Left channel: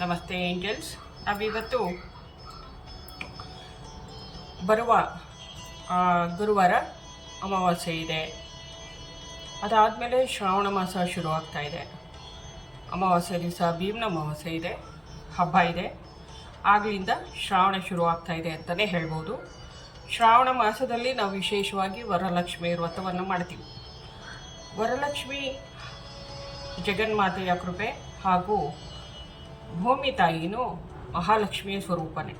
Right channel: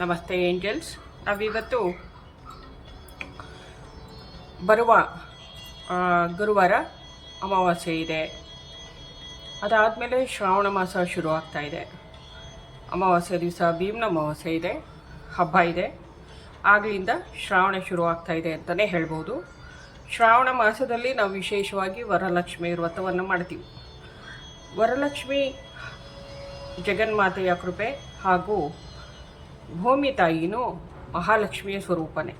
ನಮಸ್ತೆ ಏಂಜಲ್ಸ್. ನಾವಿವತ್ತು ಬರುವ ಗುರುವಾರ ಅಮಾವಾಸ್ಯೆ ಇದೆ. ಅದಾದಮೇಲೆ ಶ್ರಾವಣ ಮಾಸ ಶುರು ಆಗ್ತಾ ಇದೆ. ಅಮಾವಾಸ್ಯೆ ದಿವಸ ಭೀಮ್ನ ಅಮಾವಾಸ್ಯೆ ಇದೆ, ಹಬ್ಬ ಇದೆ. ಆಗಲಿಂದ ಶ್ರಾವಣ ಶುರು ಆಗ್ತಾ ಇದೆ ಅಂತಲೇ ಹೇಳ್ಬೋದು. ಶ್ರಾವಣ ಮಾಸದಲ್ಲಿ ನಾವು ವಿಶೇಷವಾಗಿ ವರಲಕ್ಷ್ಮಿ ವ್ರತವನ್ನು ಮಾಡ್ತೀವಿ. ವರಲಕ್ಷ್ಮಿ ಜಗನ್ಮಾತೆಯ ಕೃಪೆ ಹಾಗೂ ಭೂಮಿ ತಾಯಿನೂ ಮಹಾಲಕ್ಷ್ಮಿಯ ಸ್ವರೂಪನೇ.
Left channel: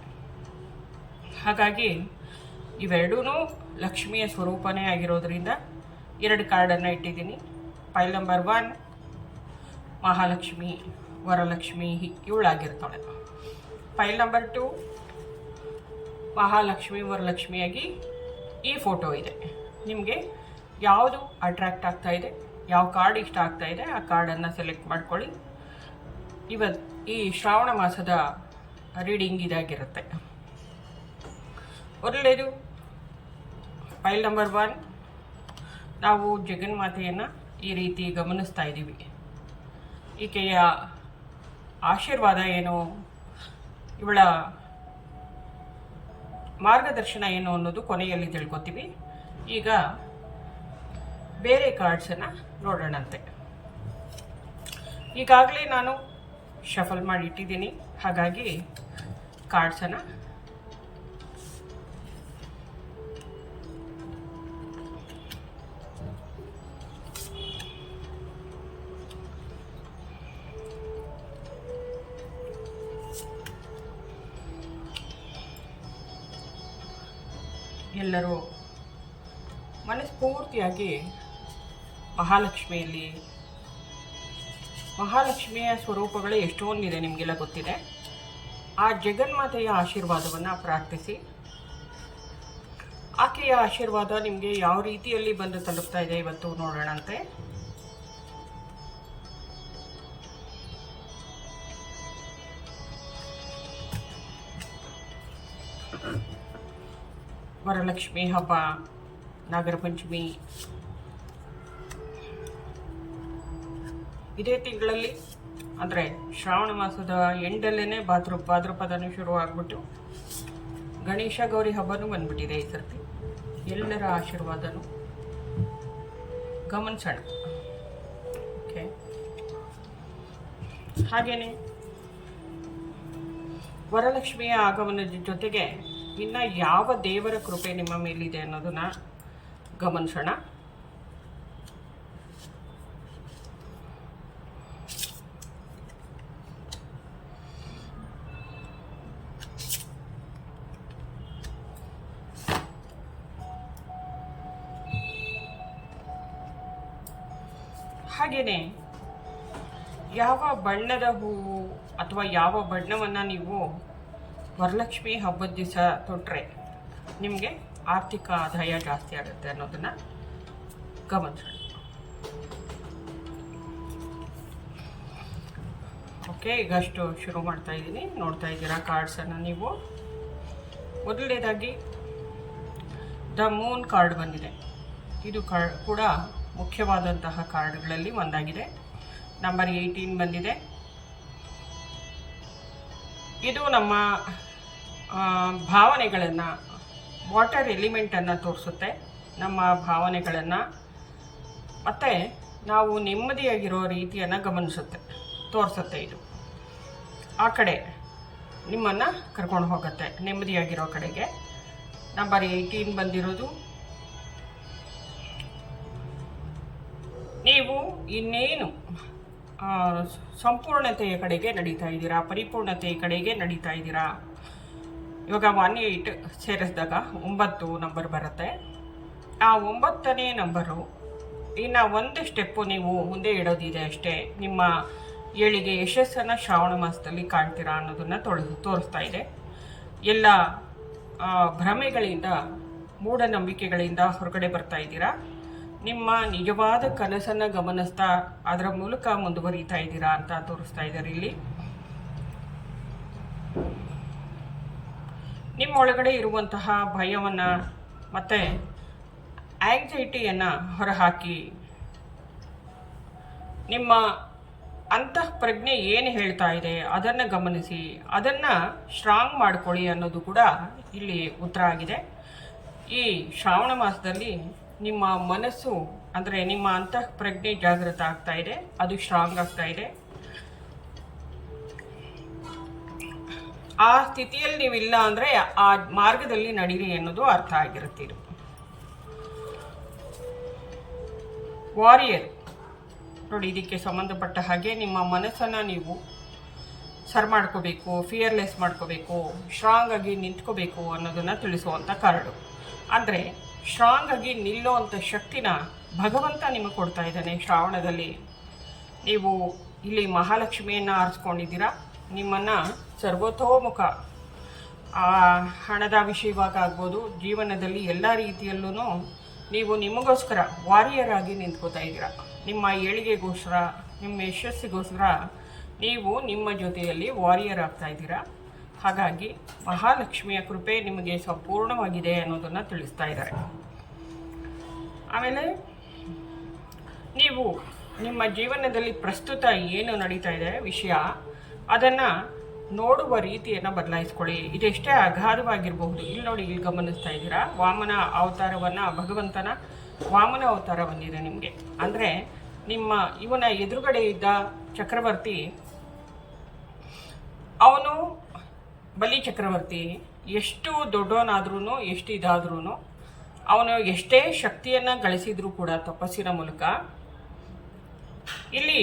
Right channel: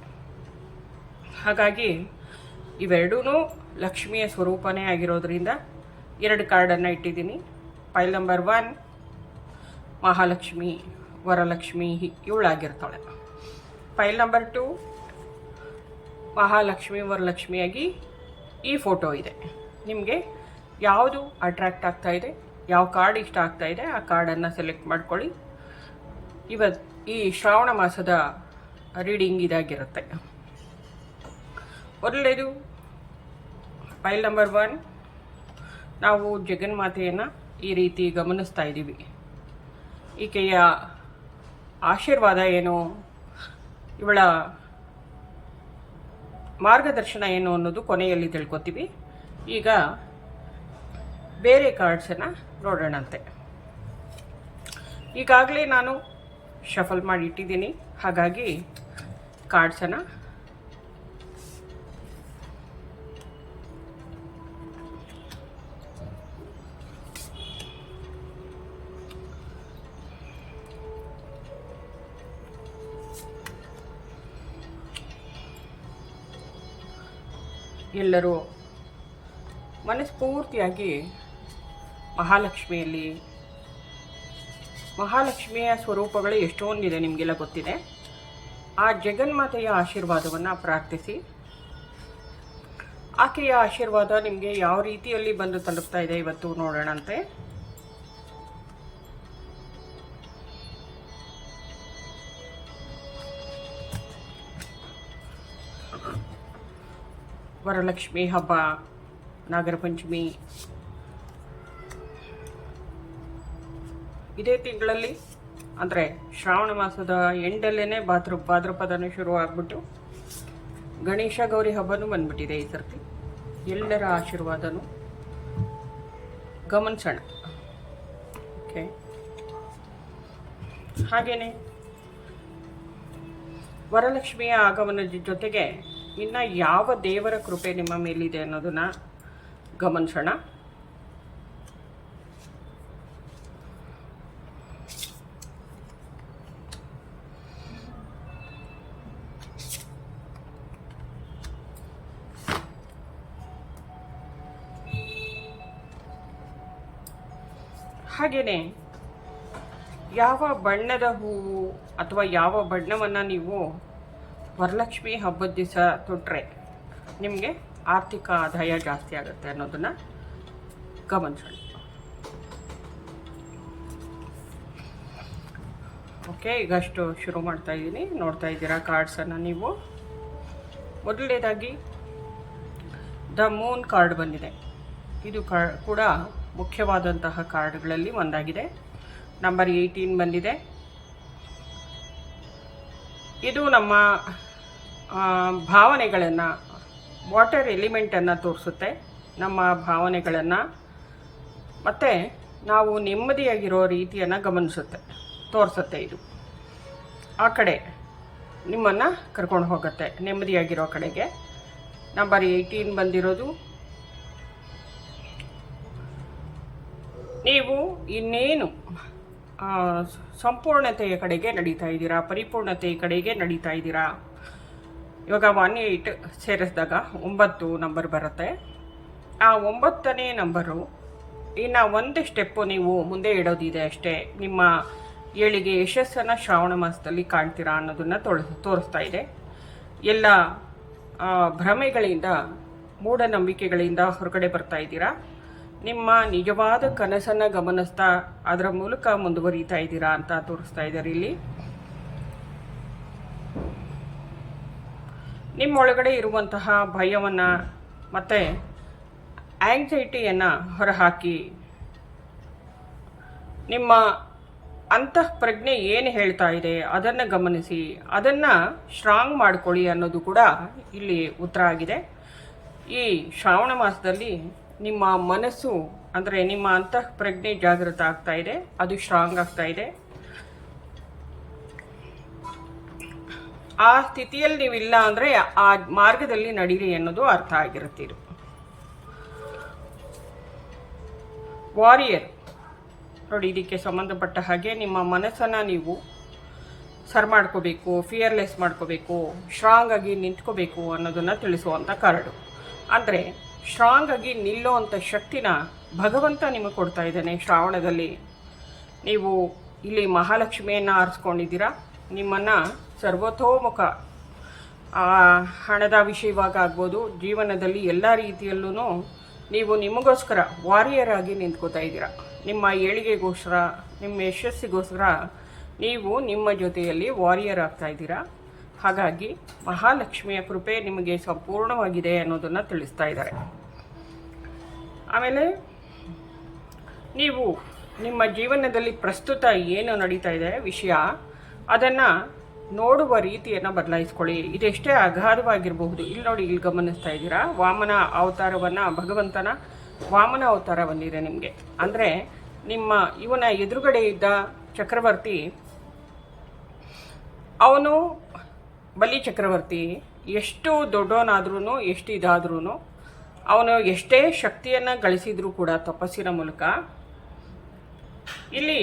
ಹಾಗಾಗಿ ಇವೆರಡೂ ಲಕ್ಷ್ಮಿಯ ಸ್ವರೂಪನೇ ಆಗಿರೋದ್ರಿಂದ 2 ಕಾರ್ಡನ್ನು ಇಟ್ಟಿದ್ದೀನಿ. ಫೈಲ್ ನಂಬರ್ 1 ಮಹಾಲಕ್ಷ್ಮಿ, ವರಲಕ್ಷ್ಮಿ ಇವಳಾಗಿರ್ತಾಳೆ. ಫೈಲ್ ನಂಬರ್ 2 ಮಹಾಲಕ್ಷ್ಮಿ, ವರಲಕ್ಷ್ಮಿಯಾಗಿ ಈ ಫೋಟೋ ಇದೆ. ನಿಮಗೆ ಯಾವುದು ಅಟ್ರ್ಯಾಕ್ಟ್ ಆಗ್ತಾ ಇದೆ, ಯಾವ ಕಾರ್ಡ್ ಇಷ್ಟ ಆಗ್ತಾ ಇದೆ ಆ ಕಾರ್ಡನ್ನು ಸೆಲೆಕ್ಟ್ ಮಾಡ್ಕೊಳ್ಳಿ. ಇವತ್ತು ಈ ಶ್ರಾವಣ ಮಾಸದ ರೀಡಿಂಗ್ ಇದಾಗಿರುತ್ತೆ. ಮೊದಲನೇದು ಫೈಲ್ ನಂಬರ್ 1, ನಾವು ಜಗನ್ಮಾತೆಯನ್ನು ಈ ರೀತಿ ಗಮನಿಸ್ತಾ ಇದ್ದೀವಿ. ಈಕೆಯ ಆಶೀರ್ವಾದ ಏನು, ಇವಳ ಮಾರ್ಗದರ್ಶನ ಏನು ಅನ್ನೋದು ಕೊನೆಯಲ್ಲಿ ತಿಳ್ಕೊತೀವಿ. ಈಗ ಬೇರೆ ಕಾರ್ಡ್ಸನ್ನು ನೋಡೋಣಂತೆ. ಈಗಾಗಲೇ ನಾನು ಶಫಲ್ ಮಾಡಿ ಇಟ್ಟಿದ್ದೀನಿ, ಹಾಗಾಗಿ ಕಾರ್ಡ್ಸನ್ನು ಎಲ್ಲರೂ ಮನಸ್ಫೂರ್ತಿಯಾಗಿ ಮಹಾಲಕ್ಷ್ಮಿಯ ಸ್ವರೂಪಗಳು ಎಷ್ಟೊಂದಿದೆ, ನಿಮಗೆಲ್ಲ ಗೊತ್ತಿದೆ. ಆ ಜಗನ್ಮಾತೆಯ ಆಶೀರ್ವಾದವನ್ನು ಪ್ರಾರ್ಥಿಸಿ. ಆಕೆಯ ಆಶೀರ್ವಾದ ನಿಮಗೆ ಯಾವ ರೀತಿಯಲ್ಲಿ ಬಂದು ತಲುಪ್ತಾ ಇದೆ ಇವತ್ತು ನೋಡೋಣಂತೆ. ವರಲಕ್ಷ್ಮಿ ಹಬ್ಬ, ನಾಗರ ಪಂಚಮಿ ಇದೇ ತಿಂಗಳಲ್ಲಿ, ಅಂದರೆ ಶ್ರಾವಣ ಮಾಸದ ಎಂಡಲ್ಲೇ ಭಾದ್ರಪದನೇ ಶುರು ಆಗ್ಬಿಟ್ಟು ಗಣೇಶ ಗೌರಿ ಹಬ್ಬನೂ ಬಂದ್ಬಿಟ್ಟಿದೆ ಈ ಸರ್ತಿ. ಎಲ್ಲರ ಆಶೀರ್ವಾದನೂ ಗಮನಿಸೋಣ. ಓಕೆ, ಹಾಗೇನೆ ವರಲಕ್ಷ್ಮಿಯ ಆಗಮನದ ಜೊತೆಗೆ ಇನ್ನು ಯಾವ ದೇವರ ಕೃಪೆ ನಿಮ್ಮ ಮೇಲಿದೆ ಅನ್ನೋದನ್ನ ಗಮನಿಸೋಣ. ಹಾಗೆಯೇ ಯಾವ ಬಣ್ಣದ ಹೂವು ಅಥವಾ ಯಾವ ಬಣ್ಣವನ್ನು ನೀವು ವರಲಕ್ಷ್ಮಿ ಹಬ್ಬದ ದಿವಸ ತೊಟ್ಟರೆ ನಿಮಗೆ ಆರ್ಥಿಕ ಆದಾಯ ಜಾಸ್ತಿ ಆಗುತ್ತೆ ಅನ್ನೋದನ್ನು ಗಮನಿಸೋಣ. ಓಕೆ, ಈಗಷ್ಟು ಶುರು ಮಾಡ್ತಾ ಇದ್ದೀನಿ. ನೋಡ್ತಾ ಇದ್ದೀರಾ ಕಾರ್ಡ್ಸನ್ನು ನೀವು. ಮೊದಲನೇದಾಗಿ ದ ಮೂನ್ ಕಾರ್ಡ್ ಬಂದಿದೆ. ಇದು ಕೂಡ ಮುಖ್ಯವಾದಂತಹ ಕಾರ್ಡ್ಗಳಲ್ಲಿ ಒಂದಾಗಿದೆ. ನಂಬರ್ 18 ಬಂದಿದೆ. ಇದು ನಮ್ಮ ಭಾವನೆಗಳನ್ನು, ವಾಟರ್ ಎಲಿಮೆಂಟನ್ನು ತೋರಿಸುತ್ತೆ. ನಮ್ಮ ಭಾವನೆಗಳನ್ನು ಮತ್ತು ನಾವು ನೆಮ್ಮದಿಯಾಗಿರೋ ರೀತಿಯನ್ನು ತೋರಿಸುತ್ತೆ. ಇದು ಆ ಕಡೆ ನಿಮ್ಮನ್ನು ಕರ್ಕೊಂಡು ಹೋಗುತ್ತೆ, ನೆಮ್ಮದಿಯಾಗಿರೋ ಕಡೆಗೆ. ನಂಬರ್ 18 ಬಂದಿರೋದು, ನೀವು ಇನ್ನೇನು ಸಂಪೂರ್ಣತೆಯ ಕಡೆಗೆ ನಡೀತಾ ಇದ್ದೀರಾ, ಪರಿಪೂರ್ಣತೆಯ ಕಡೆಗೆ ನಡೀತಾ ಇದ್ದೀರಾ. ಇವಾಗ 18 ಸೇರಿಸಿದಾಗ 9 ನಂಬರ್ ಬರುತ್ತೆ. ಆ 9ನೇ ನಂಬರು ಇನ್ನು ಒಂದು ಸ್ಟೆಪ್ಪು ನೀವು ಮುಂದೆ ಇಡೋದಿದೆ ಅಷ್ಟೇ. ನಿಮ್ಮ ಏಳಿಗೆ ಯಶಸ್ಸನ್ನು ಶ್ರಾವಣ ಮಾಸದಲ್ಲಿ ಕಾಣ್ತೀರಾ ಅನ್ನೋದನ್ನು ತೋರಿಸ್ತಾ ಇದೆ. ಎಲ್ಲ ಭ್ರಮೆಗಳಿಂದ, ಮೂಢನಂಬಿಕೆಗಳಿಂದ ಹೊರಗಡೆ ಬರ್ತಾ ಇದ್ದೀರಾ. ನಿಮ್ಮ ನಿಜವಾದ ಕನಸನ್ನು ಗಮನಿಸ್ತಾ ಅದರ ಮೂಲಕ ಮುಂದುವರಿತಾ ಇದ್ದೀರಾ ಅಂತ ತೋರಿಸ್ತಾ ಇದ್ದಾರೆ ಇಲ್ಲಿ. ನಿಮ್ಮ ಒಳಗಡೆ ಇರುವಂತಹ ಭಯವನ್ನು ಮತ್ತು ಆಂಗ್ಸೈಟಿಯನ್ನು ಹೊರಹಾಕಿ ನಿಮ್ಮ ಅಂತಃಪ್ರಜ್ಞೆ ಏನು ಹೇಳ್ತಾ ಇದೆ ಅದನ್ನು ಗಮನಿಸಿ, ಅದನ್ನು ಸ್ಟ್ರಾಂಗ್ ಮಾಡ್ಕೊಳ್ಳಿ ಅನ್ನೋದು ಕೂಡ ಇಲ್ಲಿ ಉತ್ತರ ಆಗಿದೆ. ಈ ಶ್ರಾವಣ ಮಾಸದಲ್ಲಿ ನಿಮ್ಮ ಮನಸ್ಸು ಅಂದರೆ ನಿಮ್ಮ ಅಂತಃಪ್ರಜ್ಞೆ ಜಾಗೃತ ಆಗ್ತಾ ಇದೆ, ಅದು ಸ್ಟ್ರಾಂಗ್ ಆಗ್ತಾ ಇದೆ. ಆ ಸ್ಥಿತಿಯಲ್ಲಿ ನೀವಿಲ್ಲ ಅಂದರೆ ಆ ಮಾರ್ಗದಲ್ಲಿ ನಡೀರಿ ಅನ್ನೋದು ಅರ್ಥ ಆಗಿರುತ್ತೆ. ಇದು ವಾರಿಯರ್ ನೋಡಿ, ಇದಕ್ಕೆ ಸಂಬಂಧಪಟ್ಟ ಹಾಗೆ ನಿಮ್ಮ ಮನಸ್ಸನ್ನು ನೀವು ಸರ್ ಮಾಡ್ಕೋಬೇಕು, ಫಿಯರ್ಲೆಸ್ ಮಾಡ್ಕೋಬೇಕು, ಸ್ಟ್ರಾಂಗ್ ಆಗಿ ನಿಂತ್ಕೋಬೇಕು ಅನ್ನೋದನ್ನು ತಿಳಿಸುವಂಥ ಕಾರ್ಡು. ಅಂದರೆ ಸ್ಟ್ರಾಂಗ್ ಆಗಿ ನಿಲ್ಲುವಂಥ ಶಕ್ತಿನ ಭಗವಂತ ನಿಮಗೆ ಕೊಡ್ತಾ ಇದ್ದಾನೆ. ಶ್ರಾವಣದಲ್ಲಿ ನೀವು ಇಲ್ಲಿ ಮಹಾಲಕ್ಷ್ಮಿಯನ್ನು ಆರಿಸ್ಕೊಂಡಿದ್ದೀರಾ. ನಿಮ್ಮನ್ನು ಸರ್ವತೋಮುಖ ಹಣದ ವಿಷಯವಾಗ ಆಗ್ಬೋದು, ಜೀವನದಲ್ಲಿ ಎಲ್ಲ ರೀತಿಯಲ್ಲೂ ನೀವು ನಿಮಗೋಸ್ಕರ ವಾರಿಯರ್ ಆಗಿ ನಿಂತ್ಕೋತಾ ಇದ್ದೀರಾ. ನಿಮ್ಮ ಏಳಿಗೆಗೋಸ್ಕರ, ನಿಮ್ಮ ಯಶಸ್ಸಿಗೋಸ್ಕರ ನೀವು ನಿಮ್ಮ ಜೊತೆಯಲ್ಲಿ ವಾರಿಯರ್ ಆಗ್ತಾ ಇದ್ದೀರಾ. ಹಾಗಾಗಿ ಮಹಾಲಕ್ಷ್ಮಿಯ ಕೃಪೆ ನಿಮಗೆ ಸಂಪೂರ್ಣವಾಗಿದೆ ಅನ್ನೋದನ್ನು ತಿಳಿಸ್ತಾ ಇದ್ದಾರೆ. ಆಮೇಲೆ ನೀವು ನಿಮ್ಮ ಜೀವನದಲ್ಲಿ ಪ್ರಸ್ತುತ ಏನು ನಡೀತಾ ಇದೆ ವಿಷಯ, ಅದನ್ನು ನೋಡುವ ರೀತಿಯನ್ನು ಬದಲಾಯಿಸ್ಕೊಳ್ಳಿ. ಇದೆಷ್ಟೇ ಅಗಾಧವಾಗಿರಬಹುದು. ಇಲ್ಲಿ ನೋಡಿ, ಇಲ್ಲಿ ಗಮನಿಸ್ತಾ ಇದ್ದೀರಾ ವಾಮನ ಅವತಾರವನ್ನು, ಭಗವಂತನ ವಾಮನ ಅವತಾರ ಬಂದಿದೆ ನಿಮಗೆ. ಅಂದರೆ ನಿಮ್ಮ ಇವನ ಎದುರುಗಡೆ ಇದ್ದ ಚಕ್ರವರ್ತಿ, ಅವನು ಬಲಿ ಚಕ್ರವರ್ತಿ ಎಷ್ಟು ದೊಡ್ಡವನಾದ್ರೂ, ಎಷ್ಟು ಇದಾದ್ರೂ, ಅವನು ಎಷ್ಟೇ ಶಕ್ತಿಯನ್ನು ಗಳಿಸಿದ್ರೂ ಕೂಡ ತಪಸ್ಸಿನ ಮೂಲಕ, ಇಲ್ಲಿ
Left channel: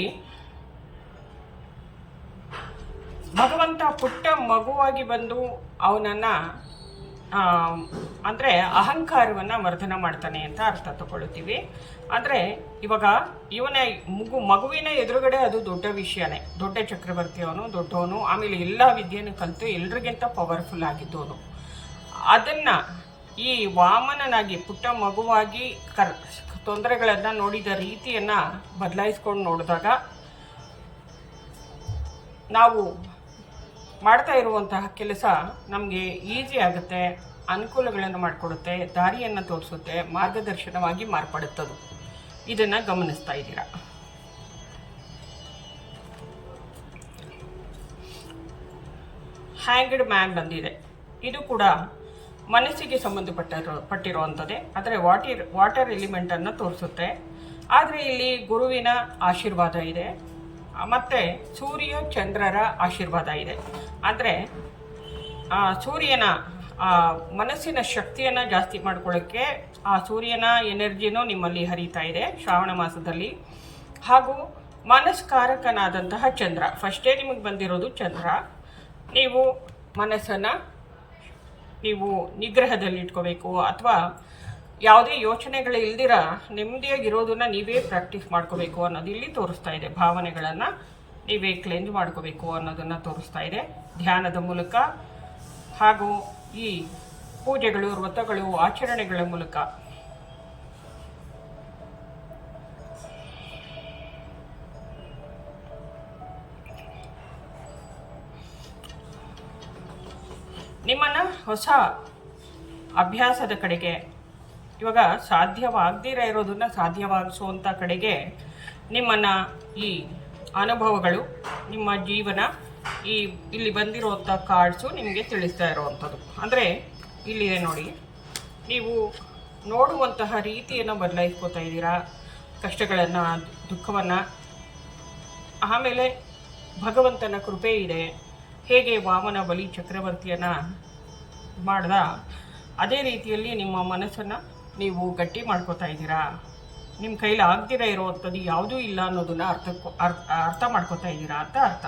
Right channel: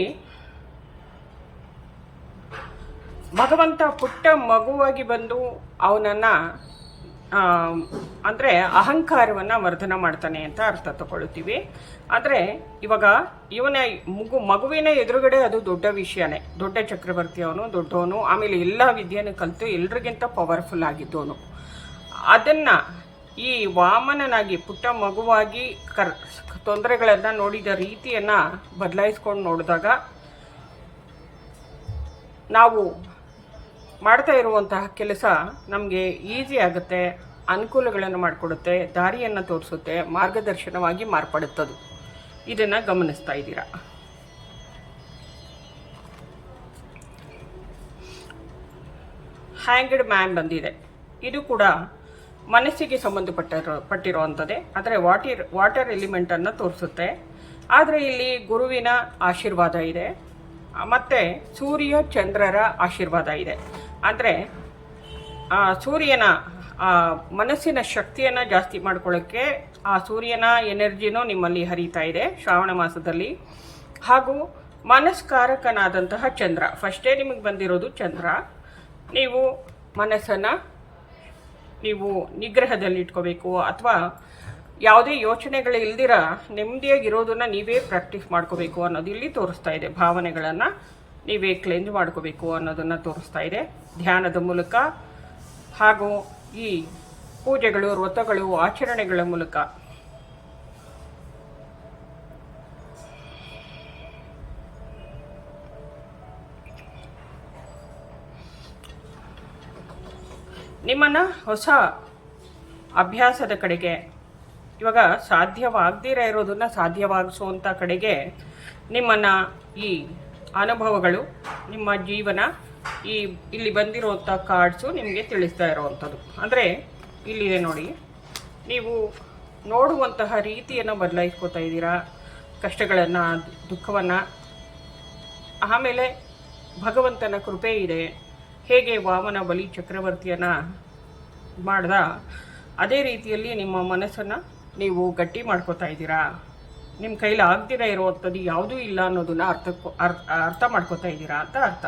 ಭಗವಂತ ಪುಟ್ಟ ಮಗುವಾಗಿ ಬಂದು ಅವನನ್ನು ಅಂದರೆ ಅಹಂಕಾರವನ್ನು ವರ್ಧನ ಮಾಡ್ತಾನೆ ಅಂತ ಅರ್ಥ ತಗೊಳ್ತೀವಿ. ಅಂದರೆ ಇವಾಗ ಇವನ ಮಗುವಿನ ಎದುರುಗಡೆ ಅದು ದೊಡ್ಡ ವಿಷಯನೇ. ದೊಡ್ಡ ಚಕ್ರವರ್ತಿ ಅವನು, ದೊಡ್ಡವನು, ಆಮೇಲೆ ಎಲ್ಲ ವಿದ್ಯೆಯನ್ನು ಕಲಿತು ಎಲ್ರಿಗಿಂತ ಪವರ್ಫುಲ್ ಆಗಿದ್ದವನು. ಅದನ್ನು ಈ ವಾಮನನಾಗಿ ಪುಟ್ಟ ಮಗುವಾಗಿ ತೊಂದರೆಗಳನ್ನು ನೋಡಿದ ರೀತಿಯನ್ನು ಬದಲಾಯಿಸ್ಕೊಂಡು ನೋಡಿದಾಗ ನಾವು ಮಾಡ್ತಾ ಇರುವಂತಹ ಕೆಲಸ ನಮಗೆ ಈಸಿ ಆಗುತ್ತೆ, ಅನುಕೂಲಗಳನ್ನು ಮಾಡಿಕೊಡುತ್ತೆ, ದಾರಿಯನ್ನು ತೋರಿಸುತ್ತೆ, ಮಾರ್ಗದರ್ಶನವಾಗಿ ಮಾರ್ಪಡುತ್ತದು. ಇದನ್ನು ಗಮನಿಸ್ತಾ ಇದ್ದೀರಾ. ಹ್ಯಾಂಗ್ಡ್ ಮ್ಯಾನ್ ಬಂದಿದೆ. ಇದು ಕೂಡ ಮನಸ್ಸಿಗೆ ಪಟ್ಟಿರುವಂಥದ್ದೇ. ಆದರೆ ವಾಟರ್ ಎಲಿಮೆಂಟನ್ನು ತೋರಿಸುತ್ತೆ. ಆದರೆ ಇಲ್ಲಿ ಗುರುವಿನ ಆಶೀರ್ವಾದ ಇದೆ, ಮತ್ತು ಸೂರ್ಯ ಚಂದ್ರರ ಆಶೀರ್ವಾದ ಇದೆ. ಅಂದರೆ ಸೂರ್ಯನ ಮನಸ್ಸಿನ ಶಕ್ತಿಯನ್ನು ಜಾಸ್ತಿ ಮಾಡ್ಕೊಳ್ಳೋಕ್ಕೆ ಆ ಸೂರ್ಯನ ಎನರ್ಜಿನೂ ನಿಮ್ಮಲ್ಲಿ ಹರಿತಾ ಇದೆ ಶ್ರಾವಣ ಮಾಸದಲ್ಲಿ. ಹಾಗೂ ಮನಸ್ಕಾರಕನಾದಂತಹ ಚಂದ್ರ, ಫಸ್ಟೇ ನಿಮಗೆ ಬಂದಿರೋದು ಚಂದ್ರ. ನೀವು ಮನಸ್ಸನ್ನು ನೀವು ನಿಗ್ರಹದಲ್ಲಿ ಇಟ್ಕೋಬೇಕು, ಅಥವಾ ಯಾವುದೇ ಯೋಚನೆಗಳು ಇಲ್ದಿರ ನೆಮ್ಮದಿಯಾಗಿರೋದನ್ನು ನೀವೇ ಪ್ರಾಕ್ಟೀಸ್ ಮಾಡ್ಕೋಬೇಕು ಅನ್ನೋದು ಇಲ್ಲಿ ತೋರಿಸ್ತಾ ಇದೆ. ಭಾವನೆಗಳನ್ನು ನೀವೇ ಕ್ಲೆಂಜ್ ಮಾಡ್ಕೋಬೇಕು ಅನ್ನೋದನ್ನು ತೋರಿಸ್ತಾ ಇದೆ ಧ್ಯಾನದ ಮೂಲಕ, ಹಾಗೂ ಈ ಪೂಜೆಗಳು, ವ್ರತಗಳು, ಆಚರಣೆಗಳ ಮೂಲಕ. ನಿಮ್ಮನ್ನು ಹೊಸ ಅಭ್ಯಾಸದ ಕಡೆಗೆ, ಇವಾಗ ಸಾಧ್ಯವಾಗದಿರ ಇರೋದನ್ನು ಸಾಧ್ಯವಾಗಿಸುವಂಥ ಕಡೆಗೆ ನಿಮ್ಮನ್ನು ಈ ಅನುಭವಗಳು, ನಿಮ್ಮ ಜೀವನ, ಇಲ್ಲಿ ಬಂದಿರುವಂಥ ಕಾರ್ಡ್ಸು ನಿಮಗೆ ತಿಳಿಸ್ತಾ ಇರುವಂಥದ್ದು. ಅಂದರೆ ಇಲ್ಲಿದೆ ನೋಡಿ, ನೀವು ನೋಡುವಂತಹ ರೀತಿಯನ್ನು ಬದಲಾಯಿಸ್ಕೋತಾ ಇದ್ದೀರಾ, ಕಷ್ಟಗಳನ್ನು, ದುಃಖವನ್ನು. ಆಮೇಲೆ ಭಗವಂತನ ಕೃಪೆ ಇದೆ. ಹೇಗೆ ವಾಮನ ಬಲಿ ಚಕ್ರವರ್ತಿಯನ್ನು ಮಾಡ್ದ, ಅದೇ ರೀತಿಯಲ್ಲಿ ನಿಮ್ಮ ಮನಸ್ಸನ್ನು ನೀವು ಗಟ್ಟಿ ಮಾಡ್ಕೋತಾ ಇದ್ದೀರಾ. ನಿಮ್ಮ ಕೈಲಿ ಆಗ್ದಿರ ಇರುವಂಥದ್ದು ಯಾವುದೂ ಇಲ್ಲ ಅನ್ನೋದನ್ನ ಅರ್ಥ ಮಾಡ್ಕೋತಾ ಇದ್ದೀರಾ ಅಂತ ಅರ್ಥ.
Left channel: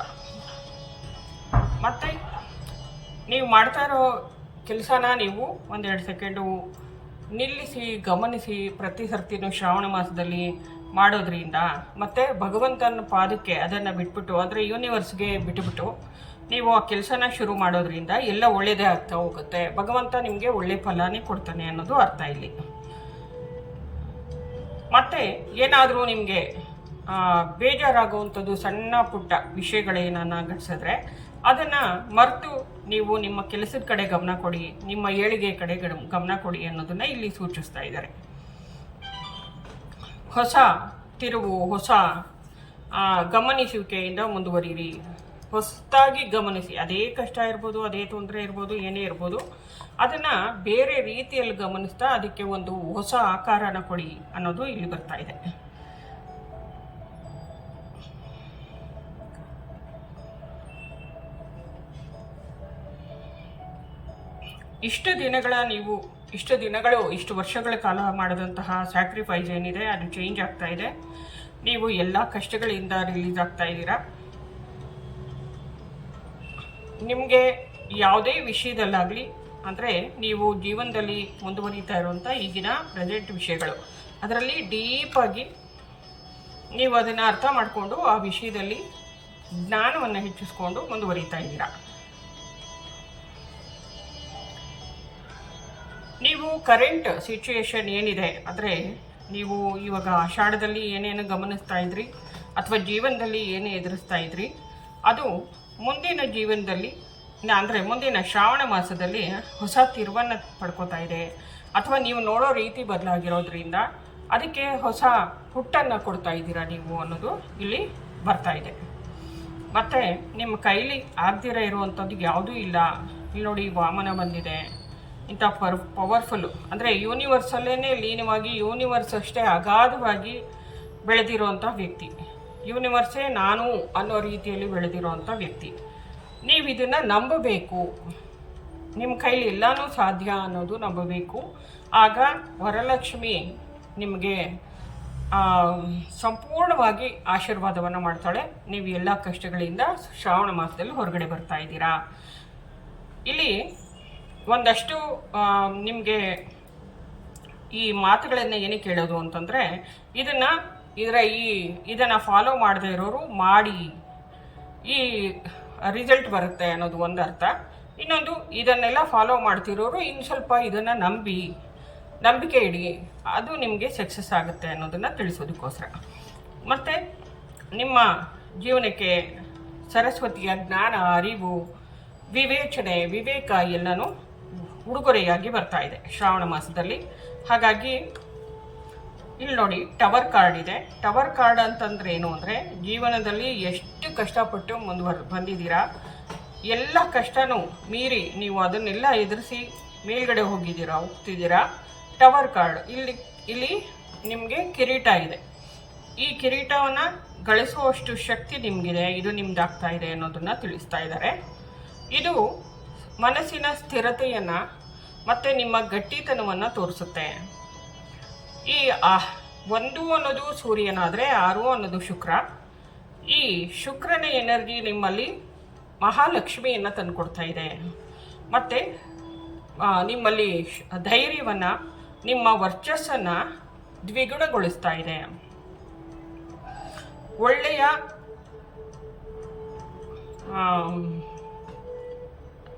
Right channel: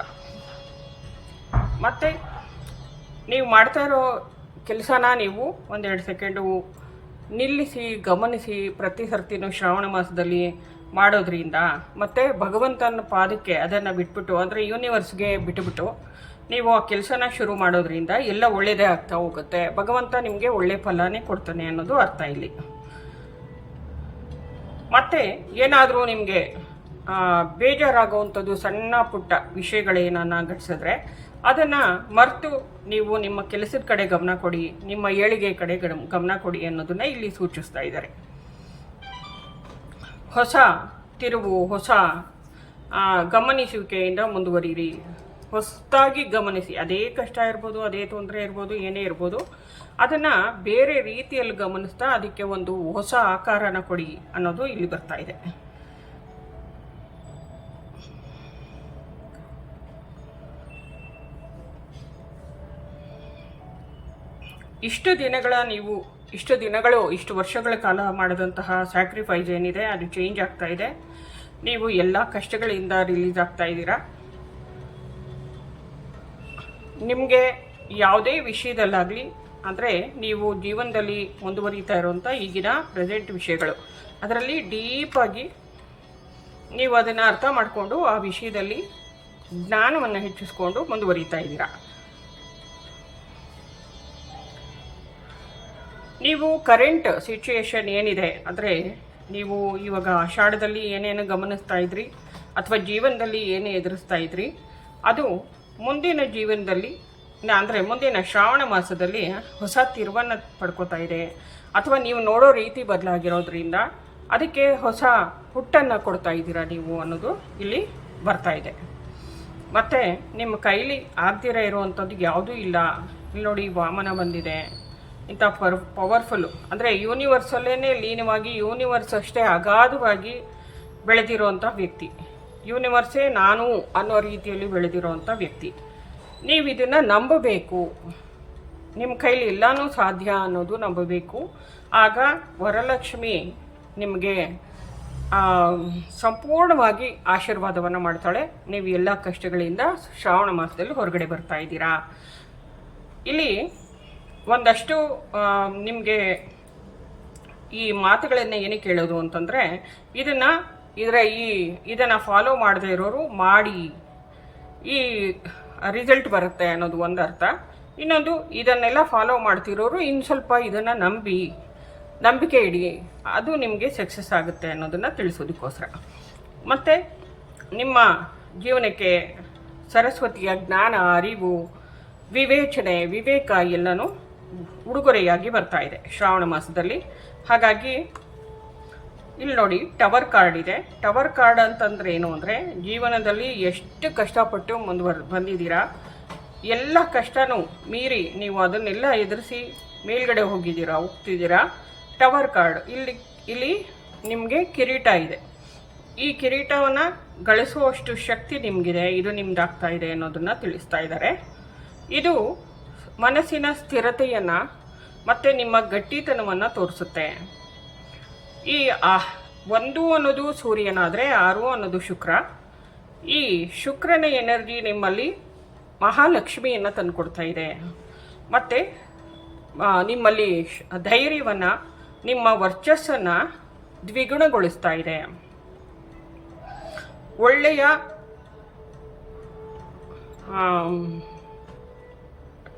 ಮತ್ತು ನೀವು ಮಾಡ್ತಾ ಇರೋ ಕೆಲಸನ ನೀವು ಒಂದೆರಡು ಸೆಕೆಂಡು ನಿಲ್ಲಿಸಿ ಗಮನಿಸಿ ಪ್ರತಿ ಸರ್ತಿನೂ ಶ್ರಾವಣ ಮಾಸದಲ್ಲಿ ಮಾಡೋದ್ರಿಂದ, ಮತ್ತು ಭಗವಂತನ ಪಾದಕ್ಕೆ ಅದನ್ನು ಬಿಟ್ಬಿಟ್ಟು, ಅಂದರೆ ಯೂನಿವರ್ಸ್ಗೆ ಬಿಟ್ಟುಬಿಟ್ಟು ನೀವು ಆ ಕೆಲಸನ ಶುರು ಮಾಡೋದ್ರಿಂದ ಎಲ್ಲ ಒಳ್ಳೆಯದೇ ಆಗ್ತಾ ಹೋಗುತ್ತೆ. ಭಗವಂತ ನಿಮಗೆ ಒಳ್ಳೆ ಫಲನೇ ಕೊಡ್ತಾನೆ ಅನ್ನೋದು ಅರ್ಥ ಇಲ್ಲಿ. ಮತ್ತು ಏನಾದರೂ ನಿಮಗೆ ಬೇಜಾರಾಗುವಂಥದ್ದು ಸಣ್ಣ ಪುಟ್ಟ ವಿಷಯಗಳೇನನ್ನ ಘಟಿಸಿದ್ರೆ ಅದನ್ನು ಮರೆತು ನೀವು ನಿಮ್ಮ ಕೆಲಸದ ಕಡೆ ಗಮನ ಕೊಡಿ, ನಿಮ್ಮ ಏಳಿಗೆ ಕಡೆ ಗಮನ ಕೊಡಿ ಅನ್ನೋದನ್ನು ಇಲ್ಲಿ ಸೂಚಿಸ್ತಾ ಇದ್ದಾರೆ. ಹೊಸ ತಿರುವು, ಹೊಸ ಗಮನಿಸುವಿಕೆಯಿಂದ ಮುಂದುವರಿಯಿರಿ. ಹೊಸದಾಗಿ ಗಮನಿಸಿ, ಅದೇ ಕಷ್ಟ ಇರ್ಬೋದು, ಅದೇ ತೊಂದರೆ ಇರ್ಬೋದು, ಏನೇ ಇರ್ಬೋದು, ಅದನ್ನು ಬೇರೆ ರೀತಿಯಲ್ಲಿ ಗಮನಿಸ್ತಾ ಅದಕ್ಕೆ ಒಂದು ಹೊಸ ಆಕಾರನ ಕೊಡಿ ಅನ್ನೋದು ಇಲ್ಲಿ ಬರ್ತಾ ಇದೆ. ಇಷ್ಟು ವರ್ಷಗಳ ಕಾಲ ಮಾಡಿದಂತಹ ಸ್ಯಾಕ್ರಿಫೈಸ್ ಏನಿದೆ ಅದು ಚೇಂಜ್ ಆಗ್ತಾ ಇದೆ. ನೀವು ಎಲ್ಲ ಕಷ್ಟಗಳಿಂದ ರಿಲೀಸ್ ಆಗ್ತಾ ಇದ್ದೀರಾ. ನಿಮಗೆ ಯಾವುದೇ ವಿಷಯದಲ್ಲಾಗಲಿ, ಅಂದರೆ ನೀವು ಜೀವನದಲ್ಲಿ ಮುಂದುವರಿತಾ ಇರುವಂಥ ಈಗಿನ ಪ್ರೆಸೆಂಟ್ ವಿಷಯಗಳು, ಅದರಲ್ಲಿ ಡೀಪಾಗಿ ನೀವು ಅದನ್ನು ಅರ್ಥ ಮಾಡಿಕೊಂಡು ಆ ವಿಷಯದಲ್ಲಿ ಜ್ಞಾನವನ್ನು ಹೆಚ್ಚಿಸ್ಕೊಂಡು ಮುಂದುವರಿತಾ ಇದ್ದೀರಾ. ನೀವು ಕರೆಂಟ್ ಸಿಚುಯೇಷನ್ ಏನಿದೆ, ಅಂದರೆ ನೀವು ಇವಾಗ ಆಷಾಢದಲ್ಲಿ ಏನೇನು ಗಮನಿಸ್ತಾ ಇದ್ರಿ ಅಥವಾ ಜೀವನದಲ್ಲಿ ಏನೇ ಎದುರಿಸ್ತಾ ಇದ್ರಿ, ಅದು ಮುಂದಿನ ಜೀವನದಲ್ಲಿ, ಅಂದರೆ ಮುಂದಿನ ಶ್ರಾವಣ ಮಾಸದಲ್ಲಿ ಹೊಸ ತಿರುವನ್ನು ಪಡ್ಕೋತಾ ಇದೆ. ಅಥವಾ ನೀವು ನೋಡೋ ರೀತಿ ಬದಲಾಗಿರೋದ್ರಿಂದ ಅದಕ್ಕೆ ಹೊಸ ಹುಟ್ಟನ್ನು ಕೊಡ್ತಾ ಇದ್ದೀರಾ ನೀವು ಅನ್ನೋದು ಇಲ್ಲಿ ಬರ್ತಾ ಇದೆ. ಮತ್ತು ನಿಮ್ಮ ಕೈಲಿ ಆಗ್ದಿರ ಇರುವಂಥದ್ದು ಯಾವುದೂ ಇಲ್ಲ. ಇಲ್ಲಿ ನೋಡಿ, ವಾಮನ ಬಂದಿದೆ. ಇಂಥ ಪವರ್ಫುಲ್ಲು, ಅಂದರೆ ಯೂನಿವರ್ಸಲ್ಲೇ ಲೀನವಾಗಿ ಯೂನಿವರ್ಸ್ ಅಷ್ಟೇ ಅಗಾಧವಾಗಿ ಬೆಳೆದಿರೋವಂಥ ವ್ಯಕ್ತಿ, ಯೂನಿವರ್ಸೇ ನಾನು ಅನ್ನೋ ರೀತಿಯಲ್ಲಿ ಬೆಳೆದಿರೋವಂಥ ವ್ಯಕ್ತಿ. ನೀವು ಇದನ್ನು ನಂಬಬೇಕು. ನಿಮ್ಮ ಕೈಲಿ ಎಲ್ಲನೂ ಸಾಧ್ಯ ಅನ್ನೋದು ನಂಬಬೇಕು. ಆಗ ವರಲಕ್ಷ್ಮಿ ನಿಮಗೆ ಸಂಪೂರ್ಣವಾಗಿ ಆಶೀರ್ವಾದವನ್ನು ಮಾಡ್ತಾಳೆ. ನೀವು ಎಲ್ಲ ಕಷ್ಟಗಳಿಂದ ಶ್ರಾವಣ ಮಾಸದಲ್ಲಿ ಹೊರಗಡೆ ಬರ್ತಾ ಇದ್ದೀರಾ. ಇಲ್ಲಿ ಒಂದಷ್ಟು ನಿಮಗೆ ಈ ಮಾತುಗಳನ್ನು ಏನಕ್ಕೆ ಹೇಳೋದು ಅಂತಂದರೆ, ಇದನ್ನು ಫಾಲೋ ಮಾಡದೇ ಇರೋರು ಮಾಡಿ ಈ ರಿಸಲ್ಟ್ ಬರುತ್ತೆ ಅನ್ನೋದು ಒಂದು ಅರ್ಥ. ಇನ್ನೊಂದು, ಇದನ್ನೆಲ್ಲ ಫಾಲೋ ಮಾಡ್ತಿರೋರು ಇನ್ನು ಸ್ವಲ್ಪ ಇದನ್ನು ನಂಬಿಕೆ ಇಡಿ, ಅದು ನಿಮಗೆ ಸಕ್ಸಸ್ ಆಗುತ್ತೆ ಅನ್ನೋದನ್ನು ತಿಳಿಸೋದಕ್ಕೋಸ್ಕರ. ಮತ್ತು ನಿಮ್ಮ ಜೀವನಕ್ಕೆ ಸರಸ್ವತಿಯ ಜ್ಞಾನ, ಅರಿವು, ವಿವೇಕ ಎಲ್ಲನೂ ಉಡುಗೊರೆಯಾಗಿ ಬರ್ತಾ ಇದೆ ಶ್ರಾವಣ ಮಾಸದಲ್ಲಿ. ಹಾಗಾಗಿ ಇಲ್ಲಿ ನೋಡಿ, ಟವರ್ ಕಾರ್ಡ್ ಇದೆ. ಟವರ್ ಕಾರ್ಡ್ ಅಂತಂದ್ರೆ ಏನು ಅಂದರೆ, ಜೀವನದಲ್ಲಿ ಎಷ್ಟು ಕಷ್ಟಪಟ್ಟು ಬಂದಿದ್ದೀರಾ, ಎಲ್ಲ ಕಷ್ಟನೂ ಮೀರಿ ನೀವು ಅದನ್ನೆಲ್ಲ ಎದುರಿಸಿ ಮೇಲ್ಗಡೆ ಹೋಗ್ತಿದ್ದೀರಾ. ಟವರ್ ಕಾರ್ಡ್ ಇಲ್ಲಿ ನಿಮಗೆ ಕಿರೀಟ ಇದೆ. ಈ ಕಿರೀಟವನ್ನು ಗಳಿಸುವಷ್ಟು ಶಕ್ತಿ ನಿಮಗಿದೆ, ಇದು ನಿಮ್ದಾಗ್ತಾ ಇದೆ ಅನ್ನೋದನ್ನು ತಿಳಿಸ್ತಾ ಇದ್ದಾರೆ. ಇದು ಮನಸ್ಸಿನ ಸ್ಥಿರತೆಯನ್ನು ಮತ್ತು ನಿಮ್ಮ ಗಟ್ಟಿತನವನ್ನು ತೋರಿಸುತ್ತೆ. ಈ 1 ಅನ್ನೋದು ಸೂರ್ಯನಾದರೆ 6 ಅನ್ನೋದು ಶುಕ್ರ. ಈ ಶುಕ್ರನ ಎನರ್ಜಿ ನಿಮ್ಮಲ್ಲಿ ಮಹಾಲಕ್ಷ್ಮಿಯನ್ನು ತಂದುಕೊಡ್ತಾ ಇದೆ. ಮತ್ತು ನಿಮ್ಮಲ್ಲಿ ಧೈರ್ಯವನ್ನು, ನಿಮ್ಮ ವರ್ಚಸ್ಸನ್ನು ದ್ವಿಗುಣಗೊಳಿಸ್ತಾ ಇದೆ. ಒಳ್ಳೆಯ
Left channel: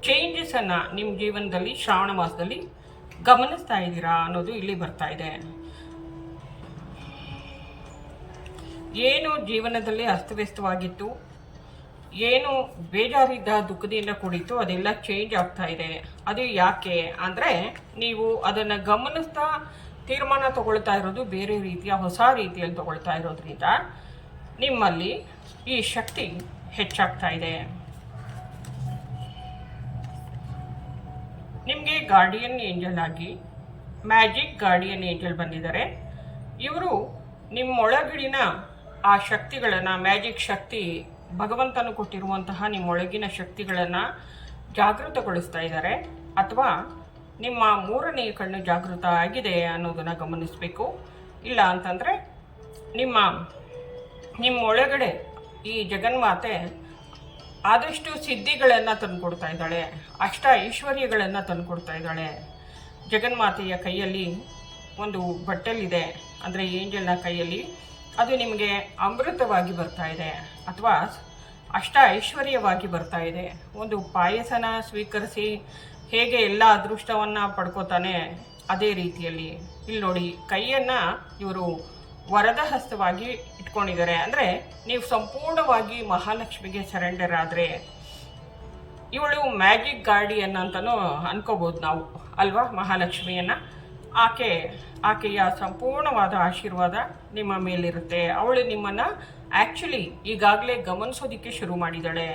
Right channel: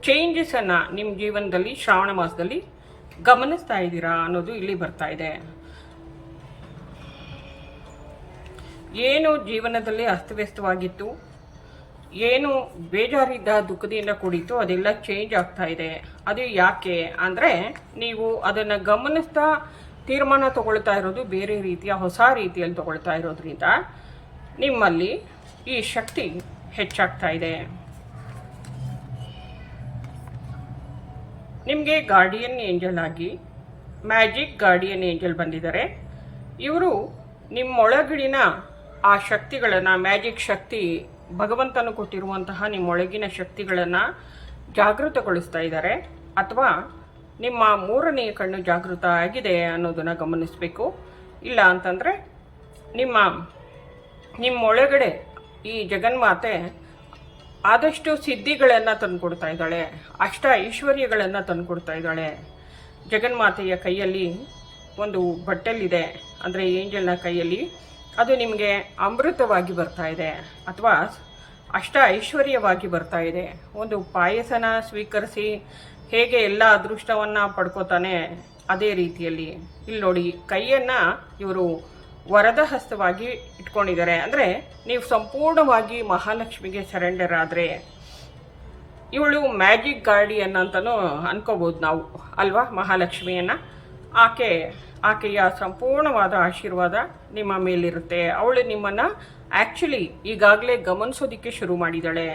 ಚೇಂಜಸನ್ನು ನಿಮ್ಮ ಜೀವನದಲ್ಲಿ ಶ್ರಾವಣ ಮಾಸದಲ್ಲಿ ಗಮನಿಸ್ತಾ ಇದ್ದೀರಾ ಅನ್ನೋದು ಇಲ್ಲಿ ಬರ್ತಾ ಇದೆ. ಏನು ಜೀವನದಲ್ಲಿ ಅಸ್ತವ್ಯಸ್ತವಾಗಿತ್ತು, ಏನು ಬೇಜಾರಿದ್ದ, ದುಃಖದಿಂದ ಕೂಡಿತ್ತು, ಅದೆಲ್ಲ ಚೇಂಜ್ ಆಗ್ತಾ ಇದೆ. ಅದು ಯಾಕೆ ಅಂದರೆ, ನೀವು ಅದನ್ನು ಗಮನಿಸ್ತಾ ತೀರ್ಮಾನ ತಗೊಳ್ತಾ ಇರೋದು ಬೇರೆ ರೀತಿಯ ಹೊಸ ರೀತಿಯಲ್ಲಿ ತಗೊಳ್ತಾ ಇರೋದ್ರಿಂದ ನಿಮ್ಮಲ್ಲಿ ಈ ಶಕ್ತಿ ಹೆಚ್ಚಾಗ್ತಾ ಇದೆ. ನಿಮಗೆ ಗಾರ್ಡಿಯನ್ ಏಂಜಲ್ ಆಗಿ ಮ್ಯಾಜಿಕ್ ಗಾರ್ಡಿಯನ್ ಏಂಜಲ್ ಬಂದಿದ್ದಾರೆ. ಇವರು ನಿಮ್ಮೊಳಗಿನ ಆ ಶಕ್ತಿಗಳನ್ನು, ಮ್ಯಾಜಿಕ್ ಶಕ್ತಿ, ಭಗವಂತನು ಕೊಟ್ಟಿರುವಂತಹ ನಿಮ್ಮೊಳಗಿನ ಶಕ್ತಿಗಳನ್ನು ಜಾಗೃತಗೊಳಿಸ್ತಾ ಇದ್ದಾರೆ. ಅಥವಾ ನಿಮ್ಮ 3ನೇ ಕಣ್ಣು ಜಾಗೃತ ಆಗಿದೆ ಅನ್ನೋದನ್ನು ಗಮನಿಸಬೇಕು. ಇಲ್ಲ ಅಂತಂದರೆ ನಿಮ್ಮೊಳಗಡೆ ಈ ಜಗನ್ಮಾತೆ ಆದಷ್ಟು ಸಿದ್ಧಿಗಳನ್ನು ತಂದುಕೊಡ್ತಾ ಇದ್ದಾಳೆ, ಐಶ್ವರ್ಯಗಳನ್ನು ತಂದುಕೊಡ್ತಾ ಇದ್ದಾಳೆ. ಜಗನ್ಮಾತೆಯ ಕೈಯಲ್ಲಿ ಒಂದು ಬಟ್ಟಲಿದೆ, ಅಂದರೆ ಏಂಜಲ್ನ ಕೈಯಲ್ಲಿ, ಅದು ನಿಮಗೆ ಅಮೃತವಾಗಿ ಬರ್ತಾ ಇದೆ ಅಥವಾ ಐಶ್ವರ್ಯವಾಗಿ ಬರ್ತಾ ಇದೆ. ಒಂದು ಪಾಯಸನ ಸ್ವೀಕರಿಸಿ ಹೇಗೆ ಎಲ್ಲ ಅದೃಷ್ಟವನ್ನು ಪಡ್ಕೋತಾನೆ, ಅದೇ ರೀತಿಯಲ್ಲಿ ಇಲ್ಲಿ ನೋಡಿ, ಕೈಯನ್ನು ಇವರು ವರದ ಹಸ್ತವಾಗಿ ಇಟ್ಕೊಂಡಿದ್ದಾರೆ. ಅಂದರೆ ನೀವು ಸಂಪೂರ್ಣವಾಗಿ ಮಹಾಲಕ್ಷ್ಮಿಗೆ ಸರೆಂಡರ್ ಆದರೆ ಇವಳು ಮ್ಯಾಜಿಕ್ ಗಾರ್ಡಿಯನ್ ಅಂತಲೂ ಅನ್ಕೋಬೋದು ನಾವು ಅಲ್ವಾ. ಮಹಾಲಕ್ಷ್ಮಿಯನ್ನು ಆಕೆಯ ಸಂಪೂರ್ಣವಾದ ಆಶೀರ್ವಾದ ನಿಮ್ಮ ಮೇಲಿರುತ್ತೆ. ಅವಳು ನಿಮ್ಮನ್ನು ಆ್ಯಕ್ಚುಲಿ ಈಗಾಗಲೇ ಗಮನಿಸೋದಕ್ಕೆ ಶುರು ಮಾಡಿದ್ದಾಳೆ.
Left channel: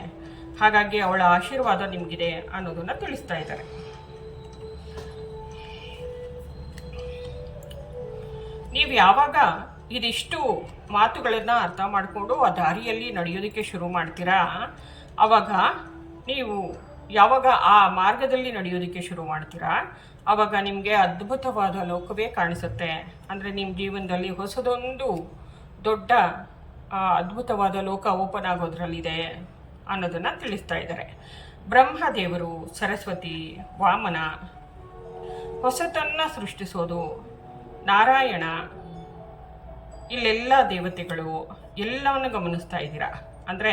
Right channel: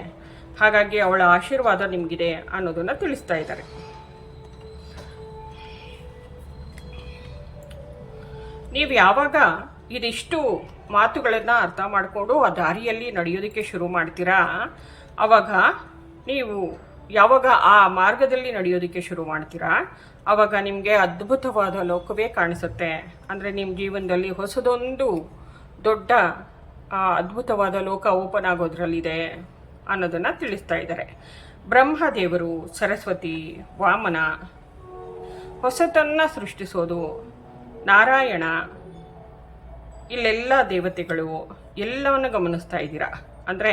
ಹಾಗಾಗಿ ಅವಳ ಆಶೀರ್ವಾದ ನಿಮಗಿದೆ ಅನ್ನೋದನ್ನು ತಿಳಿಸ್ತಾ ಇದ್ದಾರೆ. ನೀವು ಯಾವಾಗ ಇದಿಷ್ಟು ಮಾತುಗಳನ್ನು ಅರ್ಥ ಮಾಡಿಕೊಂಡು ಆ ದಾರಿಯಲ್ಲಿ ನಡೆಯೋದಕ್ಕೆ ಶುರು ಮಾಡ್ತೀರಾ, ಆವಾಗ ನೀವು ಯಾವಾಗ ಆ ಮಾರ್ಗದಲ್ಲಿ ನಡೆಯೋದಕ್ಕೆ ಶುರು ಮಾಡ್ತೀರಾ, ಆವಾಗ ನಿಮಗೆ ಅದ್ಭುತವಾದ ಲೋಕವೇ ಕಾಣಿಸುತ್ತೆ. ಅಂದರೆ ನಿಮ್ಮ ಜೀವನದಲ್ಲಿ ಹೊಸದೊಂದು ದೊಡ್ಡ ಅದ್ಭುತವಾದ ಲೋಕ ಓಪನ್ ಆಗೋದ್ರಲ್ಲಿದೆ ಅನ್ನೋದನ್ನು ತಿಳಿಸ್ತಾ ಇದ್ದಾರೆ. ಬ್ರಹ್ಮದೇವರು, ಸರಸ್ವತಿ, ವಾಮನ, ಹೊಸತನ್ನು ಸೃಷ್ಟಿಸೋದು, ನಾರಾಯಣ, ಇಲ್ಲೆಲ್ಲ ದೇವತೆಗಳು ಎಲ್ಲವನ್ನು ಗಮನಿಸ್ತಾ ಇದ್ದೀರಾ. ಅಂದರೆ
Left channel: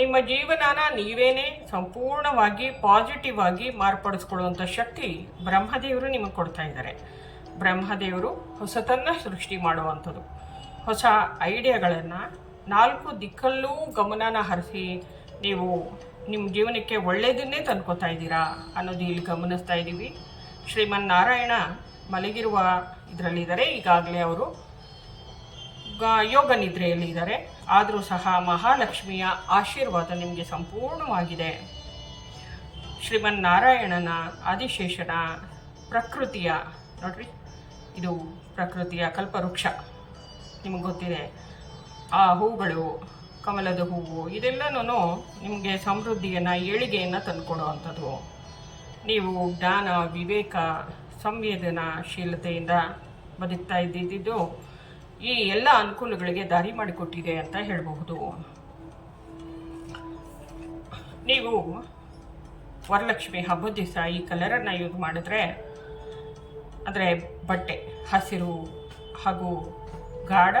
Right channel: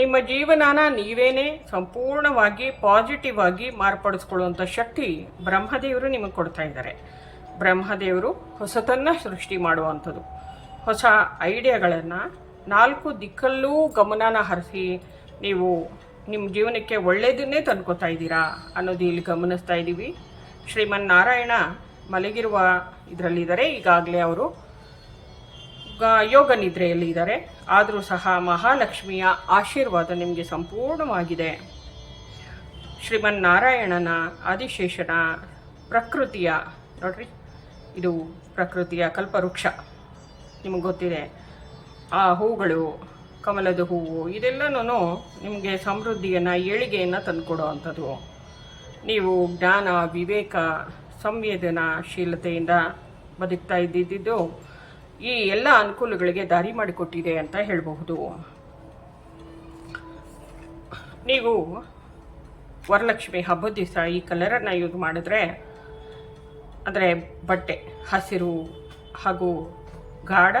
ನಿಮ್ಮ ಜೀವನನ ನೀವೇನೇ ಸಂಪೂರ್ಣವಾಗಿ ಪಾಸಿಟಿವ್ ಆಗಿ ಮಾರ್ಪಡಿಸ್ಕೊಳ್ಳುವಂಥ ಶಕ್ತಿ ಬ್ರಹ್ಮದೇವರು ನಿಮಗೆ ಕೊಡ್ತಾ ಇದ್ದಾರೆ. ಬ್ರಹ್ಮದೇವರು ಹೊಸತನ್ನು ಸೃಷ್ಟಿ ಮಾಡುವಂಥದ್ದು, ಹೊಸ ಐಡಿಯಾಗಳನ್ನು 4 ದಿಕ್ಕಲ್ಲೂ ಗಮನನ ಹರಿಸಿ ನೀವು ನಿಮ್ಮ ಜೀವನಕ್ಕೆ ಒಳ್ಳೆಯದನ್ನೇ ತಂದ್ಕೊತಾ ಇದ್ದೀರಾ ಅನ್ನೋದು ಇಲ್ಲಿ ಗಮನಿಸ್ತಾ ಇದ್ದೀವಿ. ಶ್ರೀಮನ್ನಾರಾಯಣ ಮಲಗಿರುವ ಇದರಲ್ಲಿದ್ದಾರೆ. ಈಗಾಗಲೇ ಅವರು ಯೋಗ ನಿದ್ರೆಯಲ್ಲಿ ಇದ್ದಾರೆ. ಆದರೂ ಸಹ ಮಹಾಲಕ್ಷ್ಮಿಯ ಆಶೀರ್ವಾದ ನಿಮಗೆ ಸಂಪೂರ್ಣವಾಗಿದೆ. ಶ್ರೀಮನ್ನಾರಾಯಣನ, ಆದಿಶೇಷನ, ಪ್ರಕೃತಿಯ, ನೋಡ್ರಿ ಇದು ಪ್ರಕೃತಿಯ ಕಲ್ಪವೃಕ್ಷ, ನಿಮಗೆ ಗೊತ್ತಿದೆ. ಆ ಹೂಗಳು, ಕಮಲದ ಹೂವು, ಇದೆಲ್ಲನೂ ನಿಮಗೆ ಸಮೃದ್ಧಿಯನ್ನು, ಏಳಿಗೆಯನ್ನು ತಂದುಕೊಡೋ ಅಂಥದ್ದು. ನೀವು ಜ್ಞಾನ, ವಿವೇಕ, ಸಂವೇದನಾಶೀಲತೆಯಿಂದ ಬದುಕ್ತಾ ಇದ್ದಿದ್ದು ಈ ಎಲ್ಲ ಅನುಕೂಲಗಳಿಗೆ ದಾರಿ ಮಾಡಿಕೊಟ್ಟಿದೆ ಅಂತ ಹೇಳಬಹುದು. ನೀವು ವರಲಕ್ಷ್ಮಿ ಹಬ್ಬದ ದಿವಸ ಈ ಕಲರನ್ನು ಯೂಸ್ ಮಾಡಿದ್ರೆ, ಅಂದರೆ ಬಟ್ಟೆ ಹಸಿರು ಹಾಗೂ ಗಾಢ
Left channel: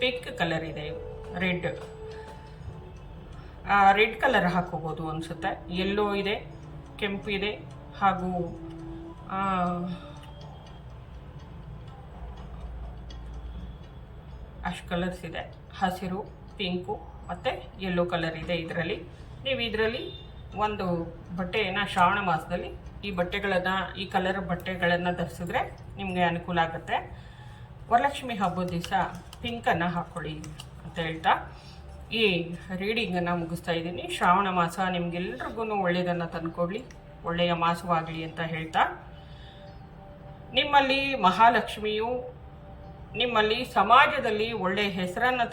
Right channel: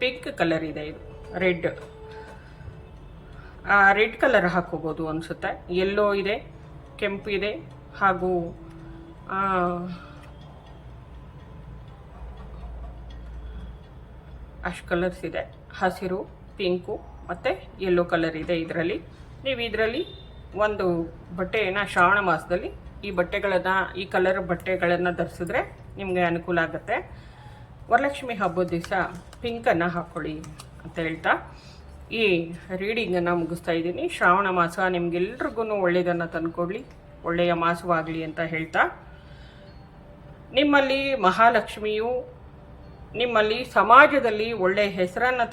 ಪಿಂಕ್ ಕಲರ್ ಇದೆ, ಇದು ರೆಡ್ ಕಲರ್ ಹಾಕೋಬೋದು ಅನಿಸುತ್ತೆ. ಯೆಲ್ಲೋ ಇದೆ, ಕೆಂಪು ಇದೆ, ಹಾಗೂ ಅಷ್ಟು ಕಲರ್ಸ್ ಇದೆ. ಹಸಿರು, ಪಿಂಕು ಮತ್ತು ಯೆಲ್ಲೋ ಕಲರ್ ಇದೆ ಇದರಲ್ಲಿ. ನೀವು ಇದರಲ್ಲಿ ಒಂದು ಬಟ್ಟೆಯನ್ನು ಶ್ರಾವಣ ಮಾಸದಲ್ಲಿ ಈ ಕಲರ್ ಬಟ್ಟೆಗಳನ್ನು ಧರಿಸಿದ್ರೆ ನಿಮಗೆ ಅನುಕೂಲ ಆಗುತ್ತೆ. ವರಲಕ್ಷ್ಮಿ ಹಬ್ಬದ ದಿವಸ ಪಿಂಕನ್ನು ಹಾಕ್ಕೊಳ್ಳಿ ಅಂತ ಹೇಳ್ತಾ ಈ ರೀಡಿಂಗನ್ನು ಮುಗಿಸ್ತಾ ಇದ್ದೀನಿ. ಶ್ರಾವಣ ಮಾಸ ನಿಮಗೆಲ್ರಿಗೂ ಒಳ್ಳೆಯದನ್ನು ತಂದುಕೊಡ್ಲಿ, ಒಳ್ಳೆಯ ಮಾಸವಾಗಲಿ ಅಂತ ಹೇಳ್ತಾ, ನಿಮ್ಮಲ್ಲಿ ಮಹಾಲಕ್ಷ್ಮಿಯು ನಿಮ್ಮಲ್ಲಿ ಸಮಾಜದಲ್ಲಿ ಒಳ್ಳೆಯ ಹೆಸರನ್ನು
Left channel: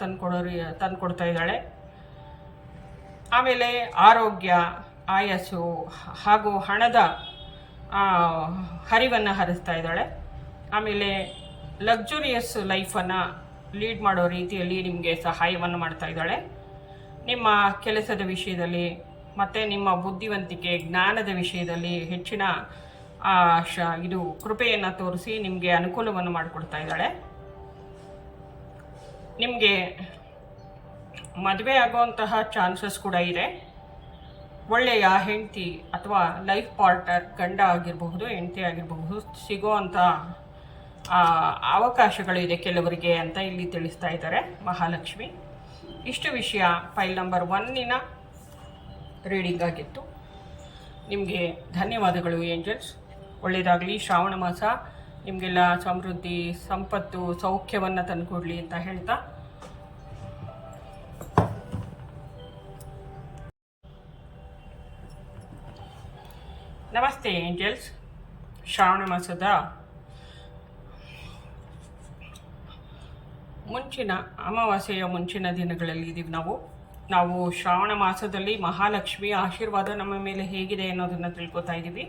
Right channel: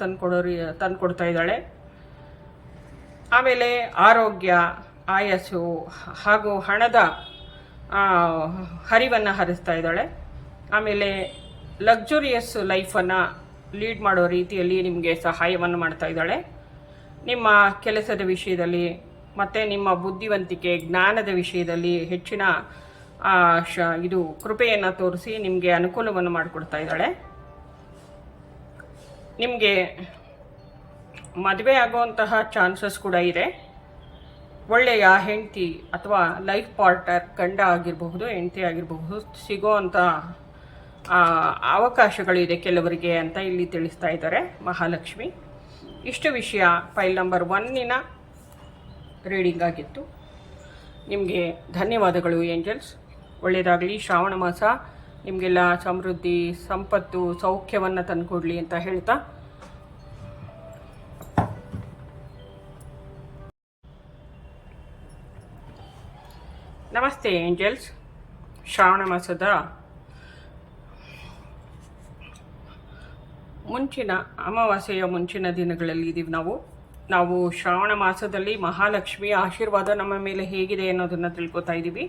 ತಂದುಕೊಡ್ತಾ ಇದ್ದಾಳೆ. ಆಮೇಲೆ ಆರೋಗ್ಯ, ಆಯಸ್ಸು ಹಾಗೂ ಹಣದ ಹರಿವನ್ನು ಹರಿಸ್ತಾ ಇದ್ದಾಳೆ. ಆಮೇಲೆ ಲಕ್ಸುರಿಯಸ್ ಲೈಫನ್ನು ಲೀಡ್ ಮಾಡೋ ರೀತಿಯಲ್ಲಿ ನಿಮಗೆ ಸಹಾಯವನ್ನು ಮಾಡ್ತಾ ಇದ್ದಾಳೆ. ನಿಮ್ಮ ಕೆಲಸದ ವಿಷಯದಲ್ಲಿ ಮತ್ತು ನಿಮ್ಮ ಬುದ್ಧಿವಂತಿಕೆ, ಜ್ಞಾನದ ವಿಷಯದಲ್ಲಿ ಹೆಚ್ಚಿನ ಇದು ಕೃಪೆಯನ್ನು ತೋರಿಸಿ ನಿಮಗೆ ಅನುಕೂಲವನ್ನು ಮಾಡಿಕೊಡ್ತಾ ಇದ್ದಾಳೆ. ನಿಮಗೆ ಮದುವೆ ಆಗುವಂತಹ ಚಾನ್ಸಸ್ ಕೂಡ ಇದೆ. ಒಳ್ಳೆಯ ಹೆಂಡತಿ ಅಥವಾ ಲೈಫ್ ಪಾರ್ಟ್ನರ್, ಗಂಡ ಆಗಿರಬಹುದು, ಹೆಂಡತಿ ಆಗಿರಬಹುದು, ಸಿಗೋವಂಥ ಅವಕಾಶಗಳಿದೆ ಕೆಲವರಿಗೆ ಅಂತ ಇಲ್ಲಿ ತಿಳಿಸ್ತಾ ಇದ್ದಾರೆ ಮಹಾಲಕ್ಷ್ಮಿ. ಇಷ್ಟು ವಿಷಯ ಫೈಲ್ ನಂಬರ್ 1 ರೀಡಿಂಗ್ ಆಗಿತ್ತು. ನಿಮಗೆ ಧನ್ಯವಾದಗಳು ಏಂಜಲ್ಸ್. ಒಳ್ಳೆಯದಾಗಲಿ. ಶ್ರಾವಣ ಮಾಸ ನಿಮಗೆಲ್ಲ ಸಮೃದ್ಧಿ, ಸಂಪತ್ತು, ಸೌಖ್ಯವನ್ನು ತಂದುಕೊಡ್ಲಿ ಅಂತ ಹೇಳ್ತಾ, ನಮಸ್ತೆ ಏಂಜಲ್ಸ್. ಶ್ರಾವಣ ಮಾಸದ ಮುಂಚಿನ ಅಮಾವಾಸ್ಯೆಯ ಮುಂಚಿನ ದಿನಗಳಲ್ಲಿ ಇದ್ದೀವಿ ನಾವು ಶ್ರಾವಣ ಮಾಸದಲ್ಲಿ ಮಹಾಲಕ್ಷ್ಮಿಯ ಆಶೀರ್ವಾದ ನಮ್ಮ ಮೇಲೆ ಹೇಗಿದೆ ಅನ್ನೋದನ್ನು ತಿಳ್ಕೊತಾ ಇದ್ದೀವಿ.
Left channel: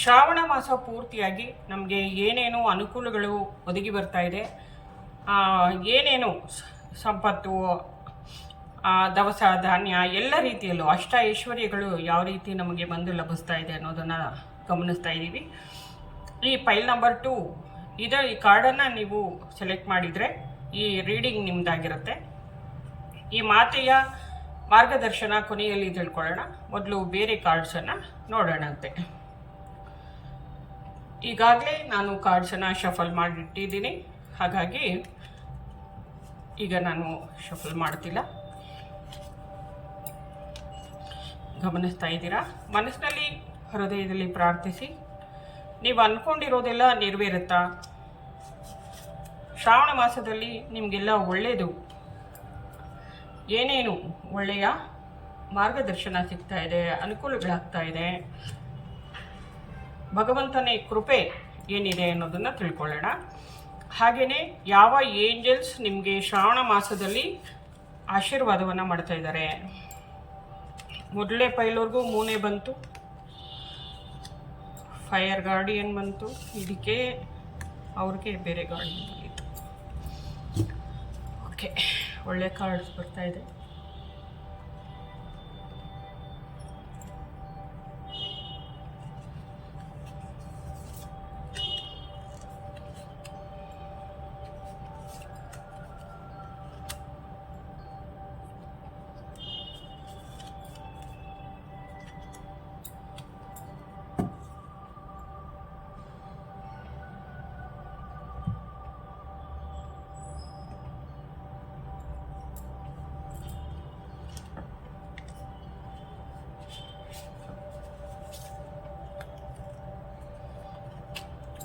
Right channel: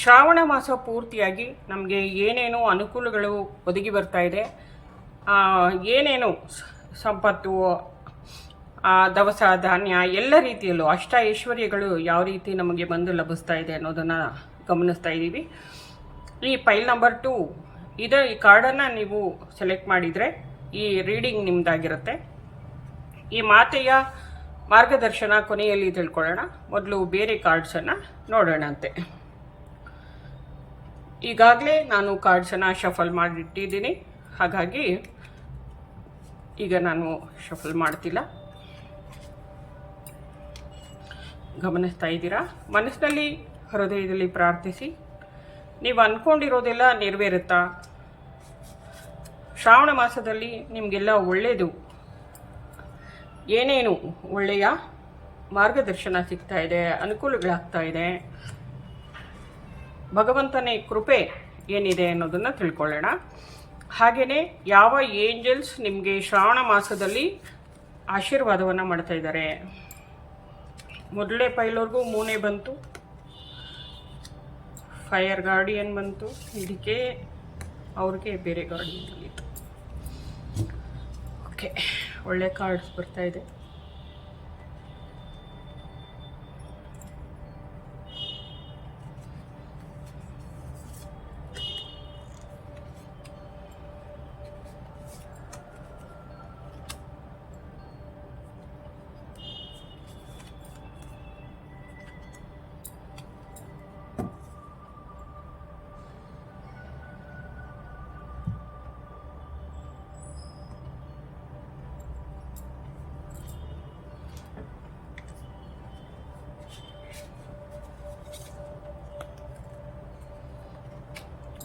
ಶ್ರಾವಣ ಮಾಸ ಪೂರ್ತಿಯಾಗಿ ನಮಗೆ ಏನೇನೋ ಅನುಕೂಲಗಳು ಒದಗಿ ಬರ್ತಾ ಇದೆ, ಏನೇನು ಸಂಪತ್ತು, ದವಸ ಧಾನ್ಯ, ಎಲ್ಲ ರೀತಿಯಲ್ಲೂ ಅಷ್ಟ ಐಶ್ವರ್ಯಗಳು ಯಾವ ರೀತಿ ನಮಗೆ ಬಂದು ಲಭಿಸ್ತಾ ಇದೆ ಅನ್ನೋದನ್ನು ಗಮನಿಸ್ತಾ ಇದ್ದೀವಿ. ಈ ಫೈಲ್ ನಂಬರ್ 2 ಈ ಕಾರ್ಡನ್ನು ನೀವು ಸೆಲೆಕ್ಟ್ ಮಾಡಿದರೆ ಈ ರೀಡಿಂಗ್ ನಿಮ್ಮದಾಗಿರುತ್ತೆ. ಈ ಮಾತೆಯ ಮಾರ್ಗದರ್ಶನ ಕೊನೆಯಲ್ಲಿ ತಿಳ್ಕೊಳ್ಳೋಣ. ಮೊದಲು ಬೇರೆ ಕಾರ್ಡ್ಸನ್ನು ನೋಡೋಣಂತೆ. ಈಗಾಗಲೇ ನಾನು ಕಾರ್ಡ್ಸನ್ನು ಶಫಲ್ ಮಾಡಿಟ್ಟಿದ್ದೀನಿ, ಹಾಗಾಗಿ ಈಗ ನಾನು ಶಫಲ್ ಮಾಡ್ತಿಲ್ಲ. ಗಮನಿಸ್ತಾ ಇದ್ದೀರಾ? ಮನಸ್ಸಿನಲ್ಲಿ, ಹೃದಯದಲ್ಲಿ ಪ್ರಾರ್ಥಿಸಿ. ನೀವು ಅಂದ್ಕೊಂಡಿರೋದೆಲ್ಲ ನೆರವೇರುತ್ತಾ? ಶ್ರಾವಣ ಮಾಸದಲ್ಲಿ ನಿಮಗೆಲ್ಲ ಒಳ್ಳೆಯದು, ಏನೇನು ಒಳ್ಳೆಯ ಮಾರ್ಗದರ್ಶನ ಸಿಗ್ತಾ ಇದೆ, ಅನುಕೂಲಗಳಾಗ್ತಾ ಇದೆ, ಭಗವಂತನೇ ಕೃಪೆ ಏನಿದೆ ಅನ್ನೋದನ್ನು ತಿಳ್ಕೊಳ್ಳೋಣ. ಹಾಗೆಯೇ ಯಾವ ಏಂಜಲ್ಸ್ ನಿಮಗೆ ಶ್ರಾವಣ ಮಾಸದಲ್ಲಿ ಆಶೀರ್ವಾದವನ್ನು ಮಾಡ್ತಾ ಇದ್ದಾರೆ. ಮೊದಲೇ ಪೈಲವ್ರಿಗೂ ಮೂನೆ ಬಂತು, ಫೈರ್ ಗಾರ್ಡಿಯನ್ ಬಂತು, ಇದಕ್ಕೆ ಅವ್ರಿಗೆ ಬೇರೆ ಗಾರ್ಡಿಯನ್ ಬಂದಿತ್ತು. ಓಕೆ, ಒಳ್ಳೆ ಕಾರ್ಡ್ಸ್ ಬರ್ತಾ ಇದೆ.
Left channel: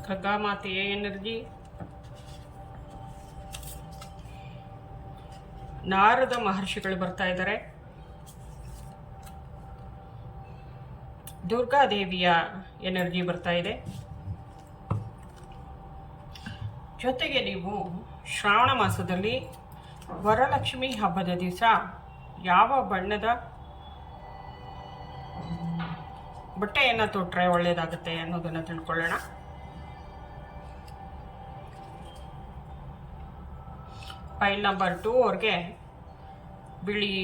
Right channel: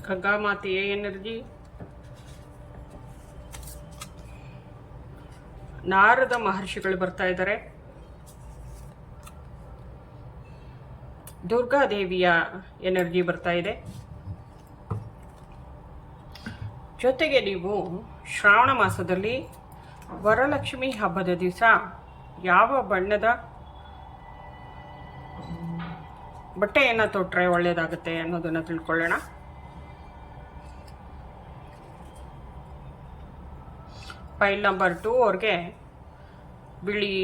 ಖಗಾಮಾತೆಯ ಎನರ್ಜಿ, ನಾರದ ಮಹರ್ಷಿಗಳು ಬರ್ತಾ ಇದ್ದಾರೆ, ದುರ್ಗಾದೇವಿಯ ಎನರ್ಜಿ ಬರ್ತಾ ಇದೆ. ಜೊತೆಗೆ ನೀವು ಶ್ರಾವಣ ಮಾಸದಲ್ಲಿ ವರಲಕ್ಷ್ಮಿ ಹಬ್ಬದ ದಿವಸ ಯಾವ ಬಣ್ಣದ ಬಟ್ಟೆಯನ್ನು ತೊಟ್ಟರೆ ಒಳ್ಳೆಯದಾಗುತ್ತೆ ಅನ್ನೋದನ್ನು ತಿಳ್ಕೊಳ್ಳೋಣ. ಫೈಲ್ ನಂಬರ್ 2 ಅವ್ರಿಗೆ ಬಿಳಿ,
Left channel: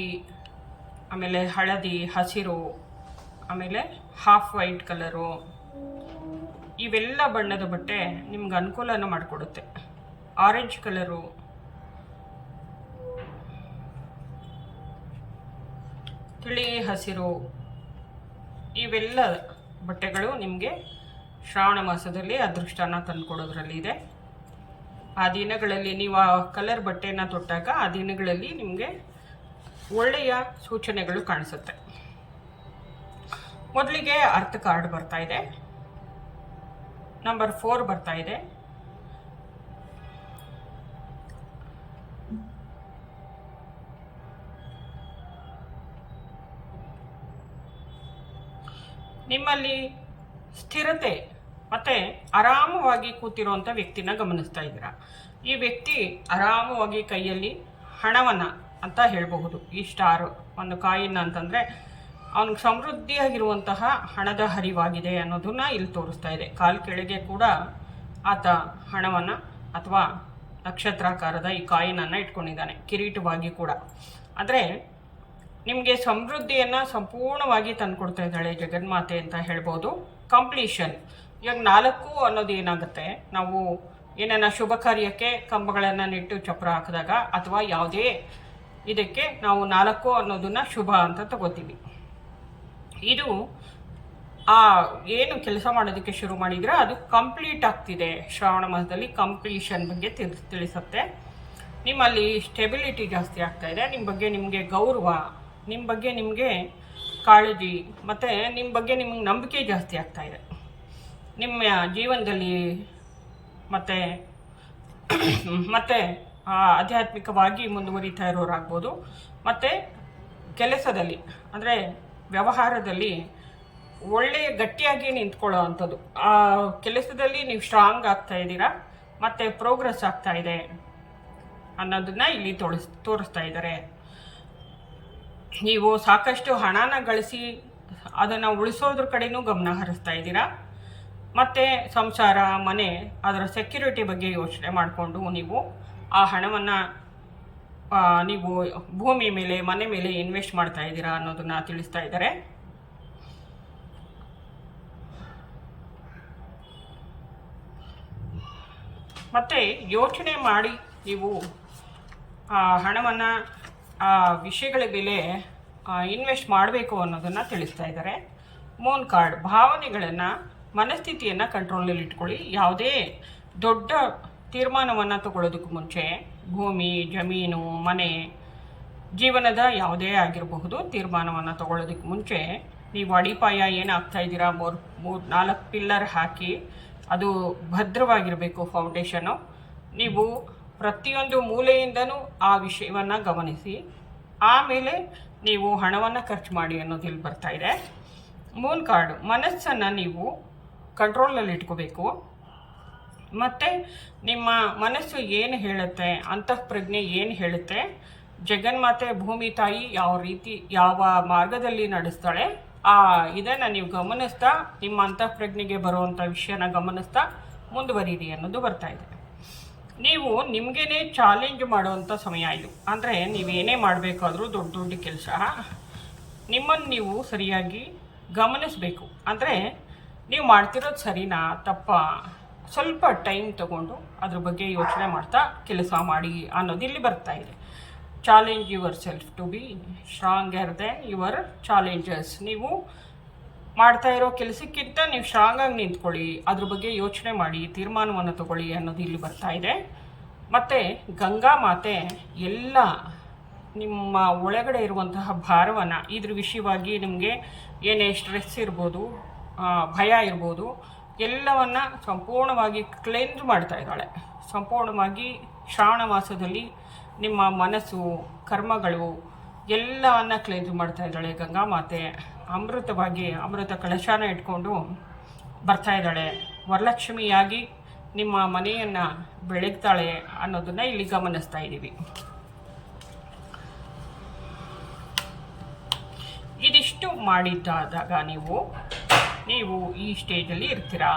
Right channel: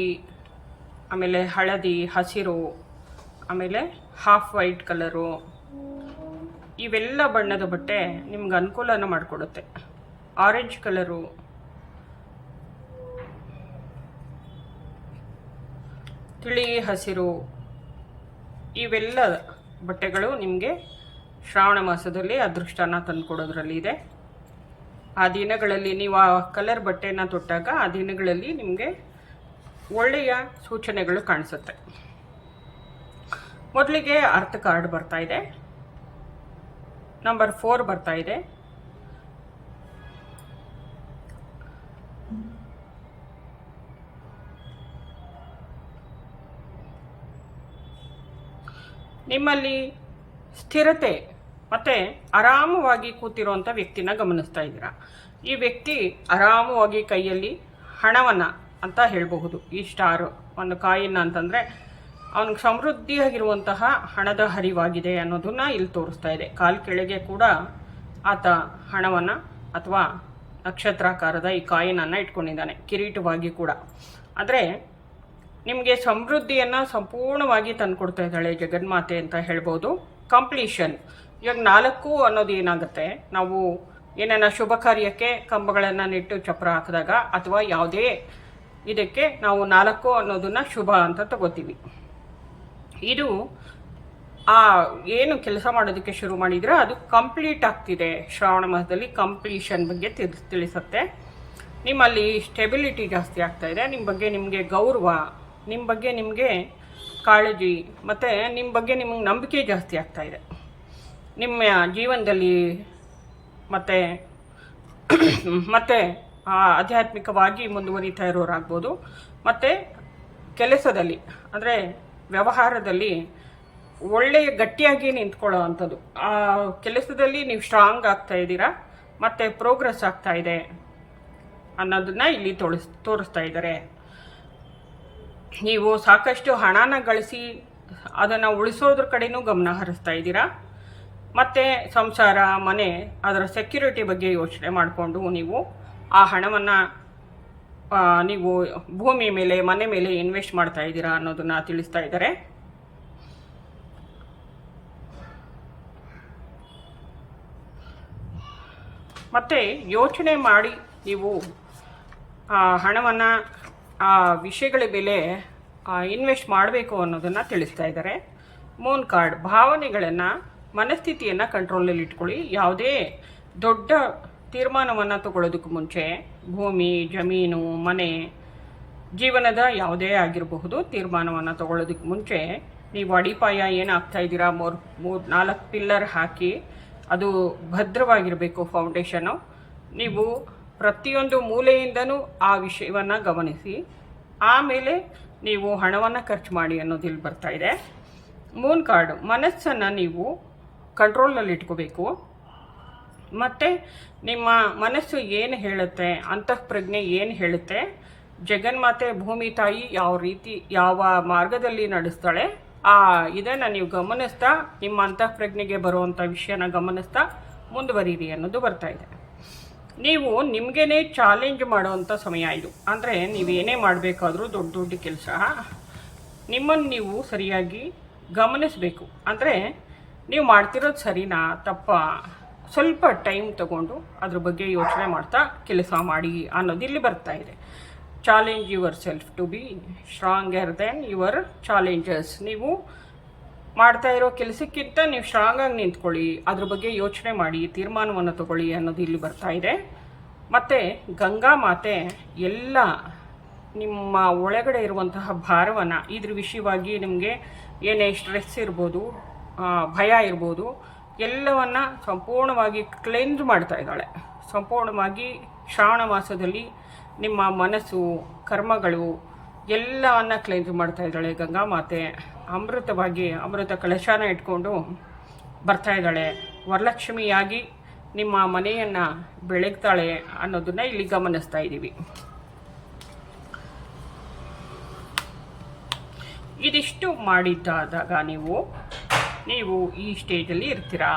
ಆಮೇಲೆ ಹಳದಿ, ಹಸಿರು, ಆಮೇಲೆ ಹಾಫ್ ವೈಟ್ ಕಲರು, ಇವೆಲ್ಲ ಬಣ್ಣದ ಬಟ್ಟೆ ನಿಮ್ಗೆ ಅನುಕೂಲನ ಮಾಡಿಕೊಡುತ್ತೆ. ಆರೆಂಜ್ ಕಲರು, ತಿಳಿ ಹಸಿರು, ಇವೆಲ್ಲ ಬಟ್ಟೆಗಳು ನಿಮಗೆ ಶ್ರಾವಣ ಮಾಸದಲ್ಲಿ ಅದೃಷ್ಟನ ತಂದುಕೊಡೋದ್ರಲ್ಲಿ ಇದೆ. ಆ ದಿನಗಳಲ್ಲಿ ನೀವು ಆ ಕಲರ್ ಬಟ್ಟೆನ ತೊಟ್ಟಾಗ ಆ ದಿನಗಳಲ್ಲಿ ನಿಮಗೆ ಒಳ್ಳೆಯ ಸೂಚನೆಗಳು ಕಾಣಿಸುತ್ತೆ. ಮೊದಲಿಗೆ ಅರ್ಥ ಕಾರ್ಡ್ ಬರ್ತಾ ಇದೆ, ನಂಬರ್ 4 ಬರ್ತಾ ಇದೆ. ನಿಮ್ಮಲ್ಲಿ ಸ್ಥಿರತೆ ಮತ್ತೆ ಆರಾಮವಾಗಿ ಕೂತಿರುವಂಥ ವ್ಯಕ್ತಿನ ಗಮನಿಸ್ತಾ ಇದ್ದೀರಾ. ಈ ವ್ಯಕ್ತಿ ಆರಾಮವಾಗಿ ಕೈಯಲ್ಲಿ ಹಣವನ್ನು ಅಂತ ಹೇಳಬಹುದು. ಈ ಸ್ಟಾರ್ ಒಂದು ಕಾಯಿನ್ ಅಂತಂದರೆ ಅವನಿಗೆ ಸಮೃದ್ಧಿಯಾಗಿರುವಂತಹ ಹಣದ ಹರಿವಾಗಿದೆ ಅನ್ನೋದನ್ನ ಇಲ್ಲಿ ತೋರಿಸ್ತಾ ಇದೆ. ಕಾಲು ಕೆಳಗೆ ಕೂಡ ಆತ ಹಣವನ್ನು ಅಥವಾ ನಕ್ಷತ್ರಾಕಾರದ ಈ ಕಾಯಿನನ್ನು ಇಟ್ಕೊಂಡಿದ್ದಾನೆ, ಕಿರೀಟವಾಗಿ ಕೂಡ. ಆದರೆ ನಿಮಗೆ ಸಮೃದ್ಧಿಯನ್ನು ಸಂಪೂರ್ಣವಾಗಿ ತಂದುಕೊಡ್ತಾ ಇದ್ದಾಳೆ ಜಗನ್ಮಾತೆ ಅಂತ ಹೇಳ್ಬೋದು. ಕಂಪ್ಲೀಷನ್. ಇವಾಗ 4 ಅನ್ನೋದು ಏನಾಗುತ್ತೆ, ನಾವು ಏನನ್ನ ಶುಭ ಕಾರ್ಯಕ್ಕೆ ಕಂಬಗಳನ್ನು ನೆಟ್ಟು ಚಪ್ರ ಹಾಕಿದಾಗ ಅಥವಾ ಯಾವುದೇ ಇದಕ್ಕೆ ನಾವು 4 ಅನ್ನೋದನ್ನ ಶುಭ ಅಂತ ತಗೋತೀವಿ. ಇದು ಏನು ಕೆಲಸ ಮಾಡೋದಕ್ಕೆ ಶುರು ಮಾಡಿದ್ರೆ ಅದು ಕಂಪ್ಲೀಟ್ ಆಗ್ತಿದೆ. ಶ್ರಾವಣ ಮಾಸದಲ್ಲಿ ಕಂಪ್ಲೀಷನ್ ಬಗ್ಗೆ ತಿಳಿಸುತ್ತೆ. ನಿಮ್ಮಲ್ಲಿ ಸ್ಟೆಬಿಲಿಟಿ ಜಾಸ್ತಿ ಆಗ್ತಾ ಇದೆ. ನಿಮ್ಮ ಬಗ್ಗೆ ನಿಮಗೆ ಗೌರವ, ನಿಮ್ಮ ಬಗ್ಗೆ ನಿಮಗೆ ಕಾಳಜಿ, ಮತ್ತು ನಿಮ್ಮ ಬಗ್ಗೆ ನಿಮಗೆ ನಂಬಿಕೆ ಜಾಸ್ತಿ ಆಗ್ತಾ ಇದೆ. ನಿಮ್ಮ ಜೀವನದಲ್ಲಿ ಮತ್ತೆ ಆಧ್ಯಾತ್ಮಿಕವಾಗಿ ಮುಂದುವರಿತಾ ಇರೋರಾಗ್ಬೋದು. ಮತ್ತು ಕೆಲಸದಲ್ಲಿ ಅಂದರೆ ವ್ಯವಹಾರದಲ್ಲಿ ಒಳ್ಳೆಯ ಗಟ್ಟಿಯಾಗಿ ನಿಂತ್ಕೊಳ್ಳೋ ಅಂಥದ್ದು. ಆ ಕೆಲಸದಲ್ಲಿ ನೀವು ಸ್ಟ್ರಾಂಗ್ ಆಗ್ತಾ ಇದ್ದೀರಾ ಮತ್ತು ಪ್ರೋಗ್ರೆಸ್ ಆಗ್ತಾ ಇದೆ ಅನ್ನೋದನ್ನ ಇಲ್ಲಿ ತೋರಿಸ್ತಾ ಇದ್ದಾರೆ. ನೀವು ಸಾಕಷ್ಟು ಹಣನ ಗಳಿಸಿ ಅದನ್ನು ಉಳಿಸೋದ್ರ ಕಡೆನೂ ಗಮನ ಹರಿಸ್ತಾ ಇದ್ದೀರಾ. ಮತ್ತು ಸಂಸಾರ, ಮನೆ, ಅದರ ಸೆಕ್ಯೂರಿಟಿ ಬಗ್ಗೆ ಯೋಚನೆ ಮಾಡಿಕೊಂಡು ನೀವು ಆ ಹಣವನ್ನು ನೀವು ಭೂಮಿ ಮೇಲೆ, ಮನೆ ಮೇಲೆ ಇನ್ವೆಸ್ಟ್ ಮಾಡ್ತಾ ಇದ್ದೀರಾ ಅನ್ನೋದನ್ನ ತಿಳಿಸ್ತಾ ಇದ್ದಾರೆ. ಮತ್ತು ಯೋಚನೆ ಮಾಡಿ ನೀವು ಹಣವನ್ನು ಆ ವಿಷಯಗಳ ಮೇಲೆ ಇನ್ವೆಸ್ಟ್ ಮಾಡಬೇಕು ಅನ್ನೋದನ್ನು ತಿಳಿಸ್ತಾ ಇದ್ದಾರೆ. Moon card. ಭಾವನೆಗಳನ್ನು, ಮನಸ್ಥಿತಿಯನ್ನು ಕಂಟ್ರೋಲಲ್ಲಿ ಇಟ್ಕೊಳ್ಳಿ. ಯಾವುದೇ ದೊಡ್ಡ ತೀರ್ಮಾನವನ್ನು ತಗೊಳ್ಳೋದಕ್ಕೂ ಮುಂಚೆ ಭೂಮಿ, ಜಮೀನು, ಮನೆ, ಜೀವನದ ಯಾವುದೇ ಆಗಿರಬಹುದು ತೀರ್ಮಾನವನ್ನು ತಗೊಳ್ಳೋದಕ್ಕೆ ಮುಂಚೆ ನೀವು ಅಡಿಪಾಯ ಏನಾಗ್ತಾ ಇದ್ದೀರಾ 3-4 ಪಿಲ್ಲರ್ ಹಾಕಿ ಅದು ಭದ್ರವಾಗಿರಬೇಕು ಫೌಂಡೇಶನು. ನೀವು ಪ್ರತಿಯೊಂದು ಮೂಲೆಯಿಂದನೂ ಆ ವಿಷಯವನ್ನು ಗಮನಿಸಿ, ಆಮೇಲೆ ನೀವು ಹಣವನ್ನು ಖರ್ಚು ಮಾಡಿ ಅನ್ನೋದು ಇಲ್ಲಿ ಬರ್ತಾ ಇದೆ. ಮೂನ್ ಕಾರ್ಡು, ಮನಸ್ಸನ್ನು ನೀವು ಕಂಟ್ರೋಲಲ್ಲಿ ಇಟ್ಕೋಬೇಕು. ಮತ್ತು ನಿಮ್ಮ ಮನಸ್ಸು ಏನು ಹೇಳುತ್ತೆ, ಅಂತಃಪ್ರಜ್ಞೆ ಏನು ಹೇಳುತ್ತೆ, ಜಗನ್ಮಾತೆ ಭೂಮಿ ತಾಯಿ ಯಾವ ರೀತಿ ಯಾವ ಮಾರ್ಗದಲ್ಲಿ ನಡೆಸ್ತಾಳೆ, ಇದನ್ನು ನೀವು ಗಮನಿಸ್ತಾ ನಿಮ್ಮ ಅಂತಃಪ್ರಜ್ಞೆಗೆ ಬರುವಂಥ ವಿಷಯನ ಗಮನಿಸ್ತಾ ಮುಂದುವರಿಯಿರಿ ಅನ್ನೋದು ಬರ್ತಾ ಇದೆ. ನೀವು ನಿಮಗೇನೆ ಚಾಲೆಂಜ್ ಮಾಡುವಂಥ ಸಮಯ ಇದು. ಅಂದರೆ ನೀವೇನೇ ಮಾಡಬೇಕಾದ್ರೂ ದೊಡ್ಡ ದೊಡ್ಡ ಕೆಲಸ ನಿಮ್ಮನ್ನು ನೀವು ಸರಿಯಾಗಿ ಗಮನಿಸಬೇಕು. ಅಂದರೆ ನೀವು ಮಾಡ್ತಿರೋದು ಸರಿನಾ ತಪ್ಪಾ, ಸ್ವಲ್ಪ ಟೈಮ್ ತಗೊಂಡು ಅದ್ರ ಬಗ್ಗೆ ಯೋಚನೆ ಮಾಡ್ತಾ ಕೆಲಸ ಮಾಡಿ ಅನ್ನೋದು ಇಲ್ಲಿ ಬರ್ತಾ ಇದೆ. Challenge yourself to be stronger than your challenges. ನೀವು ಮಾಡ್ತಾ ಇರೋ ಕೆಲಸಕ್ಕಿಂತ ನೀವು ಸ್ಟ್ರಾಂಗಾಗಿ ನಿಂತ್ಕೊಳ್ಳಿ, ಅದ್ರ ಬಗ್ಗೆ ಯೋಚನೆ ಮಾಡಿ, ತೀರ್ಮಾನವನ್ನು ತಗೊಳ್ಳಿ ಅನ್ನೋದು ಇಲ್ಲಿ ಬರ್ತಾ ಇದೆ. ಮತ್ತು ಗಂಗಾ ಮಾತೆ ಎಲ್ಲ ನಿಮ್ಮ ಒಳಗಡೆ ಇರುವಂತಹ ಭಾರವನ್ನು, ಇದ್ರ ವಿಷಯವಾಗಿ ನಿಮಗೆ ಏನೇ ಸ್ಟ್ರೆಸ್ ಇರ್ಬೋದು, ಭಯ ಇರ್ಬೋದು, ಎಲ್ಲವನ್ನು ಸಂಪೂರ್ಣವಾಗಿ ಕ್ಲೆನ್ಸ್ ಮಾಡ್ತಾ ಇದ್ದಾಳೆ. ಸಂಪೂರ್ಣವಾಗಿ ಶ್ರಾವಣ ಮಾಸದಲ್ಲಿ ನಿಮ್ಮ ಮನಸ್ಸು, ಕರ್ಮಗಳು ಎಲ್ಲವನ್ನು ಕ್ಲೆನ್ಸ್ ಮಾಡ್ತಾ ಇದ್ದಾಳೆ ಗಂಗಾ ಮಾತೆ. ಅಮೃತವಾಗಿ ಅಮೃತ ಕಲಶನ ಇಟ್ಕೊಂಡು ಬರ್ತಾ ಇದ್ದಾಳೆ. ವರಲಕ್ಷ್ಮಿಯಾಗಿ ನಿಮ್ಮ ಮನೆಯನ್ನು ಬೆಳಗ್ತಾಳೆ ಅನ್ನೋದನ್ನ ಇಲ್ಲಿ ಗಮನಿಸ್ತಾ ಇದ್ದೀವಿ. ಇದಿಷ್ಟು ಮಾಡಿದ್ದಾದಾಗ ನೀವು ಈ ಸ್ಟೇಜಲ್ಲಿ ಇರ್ತೀರಾ.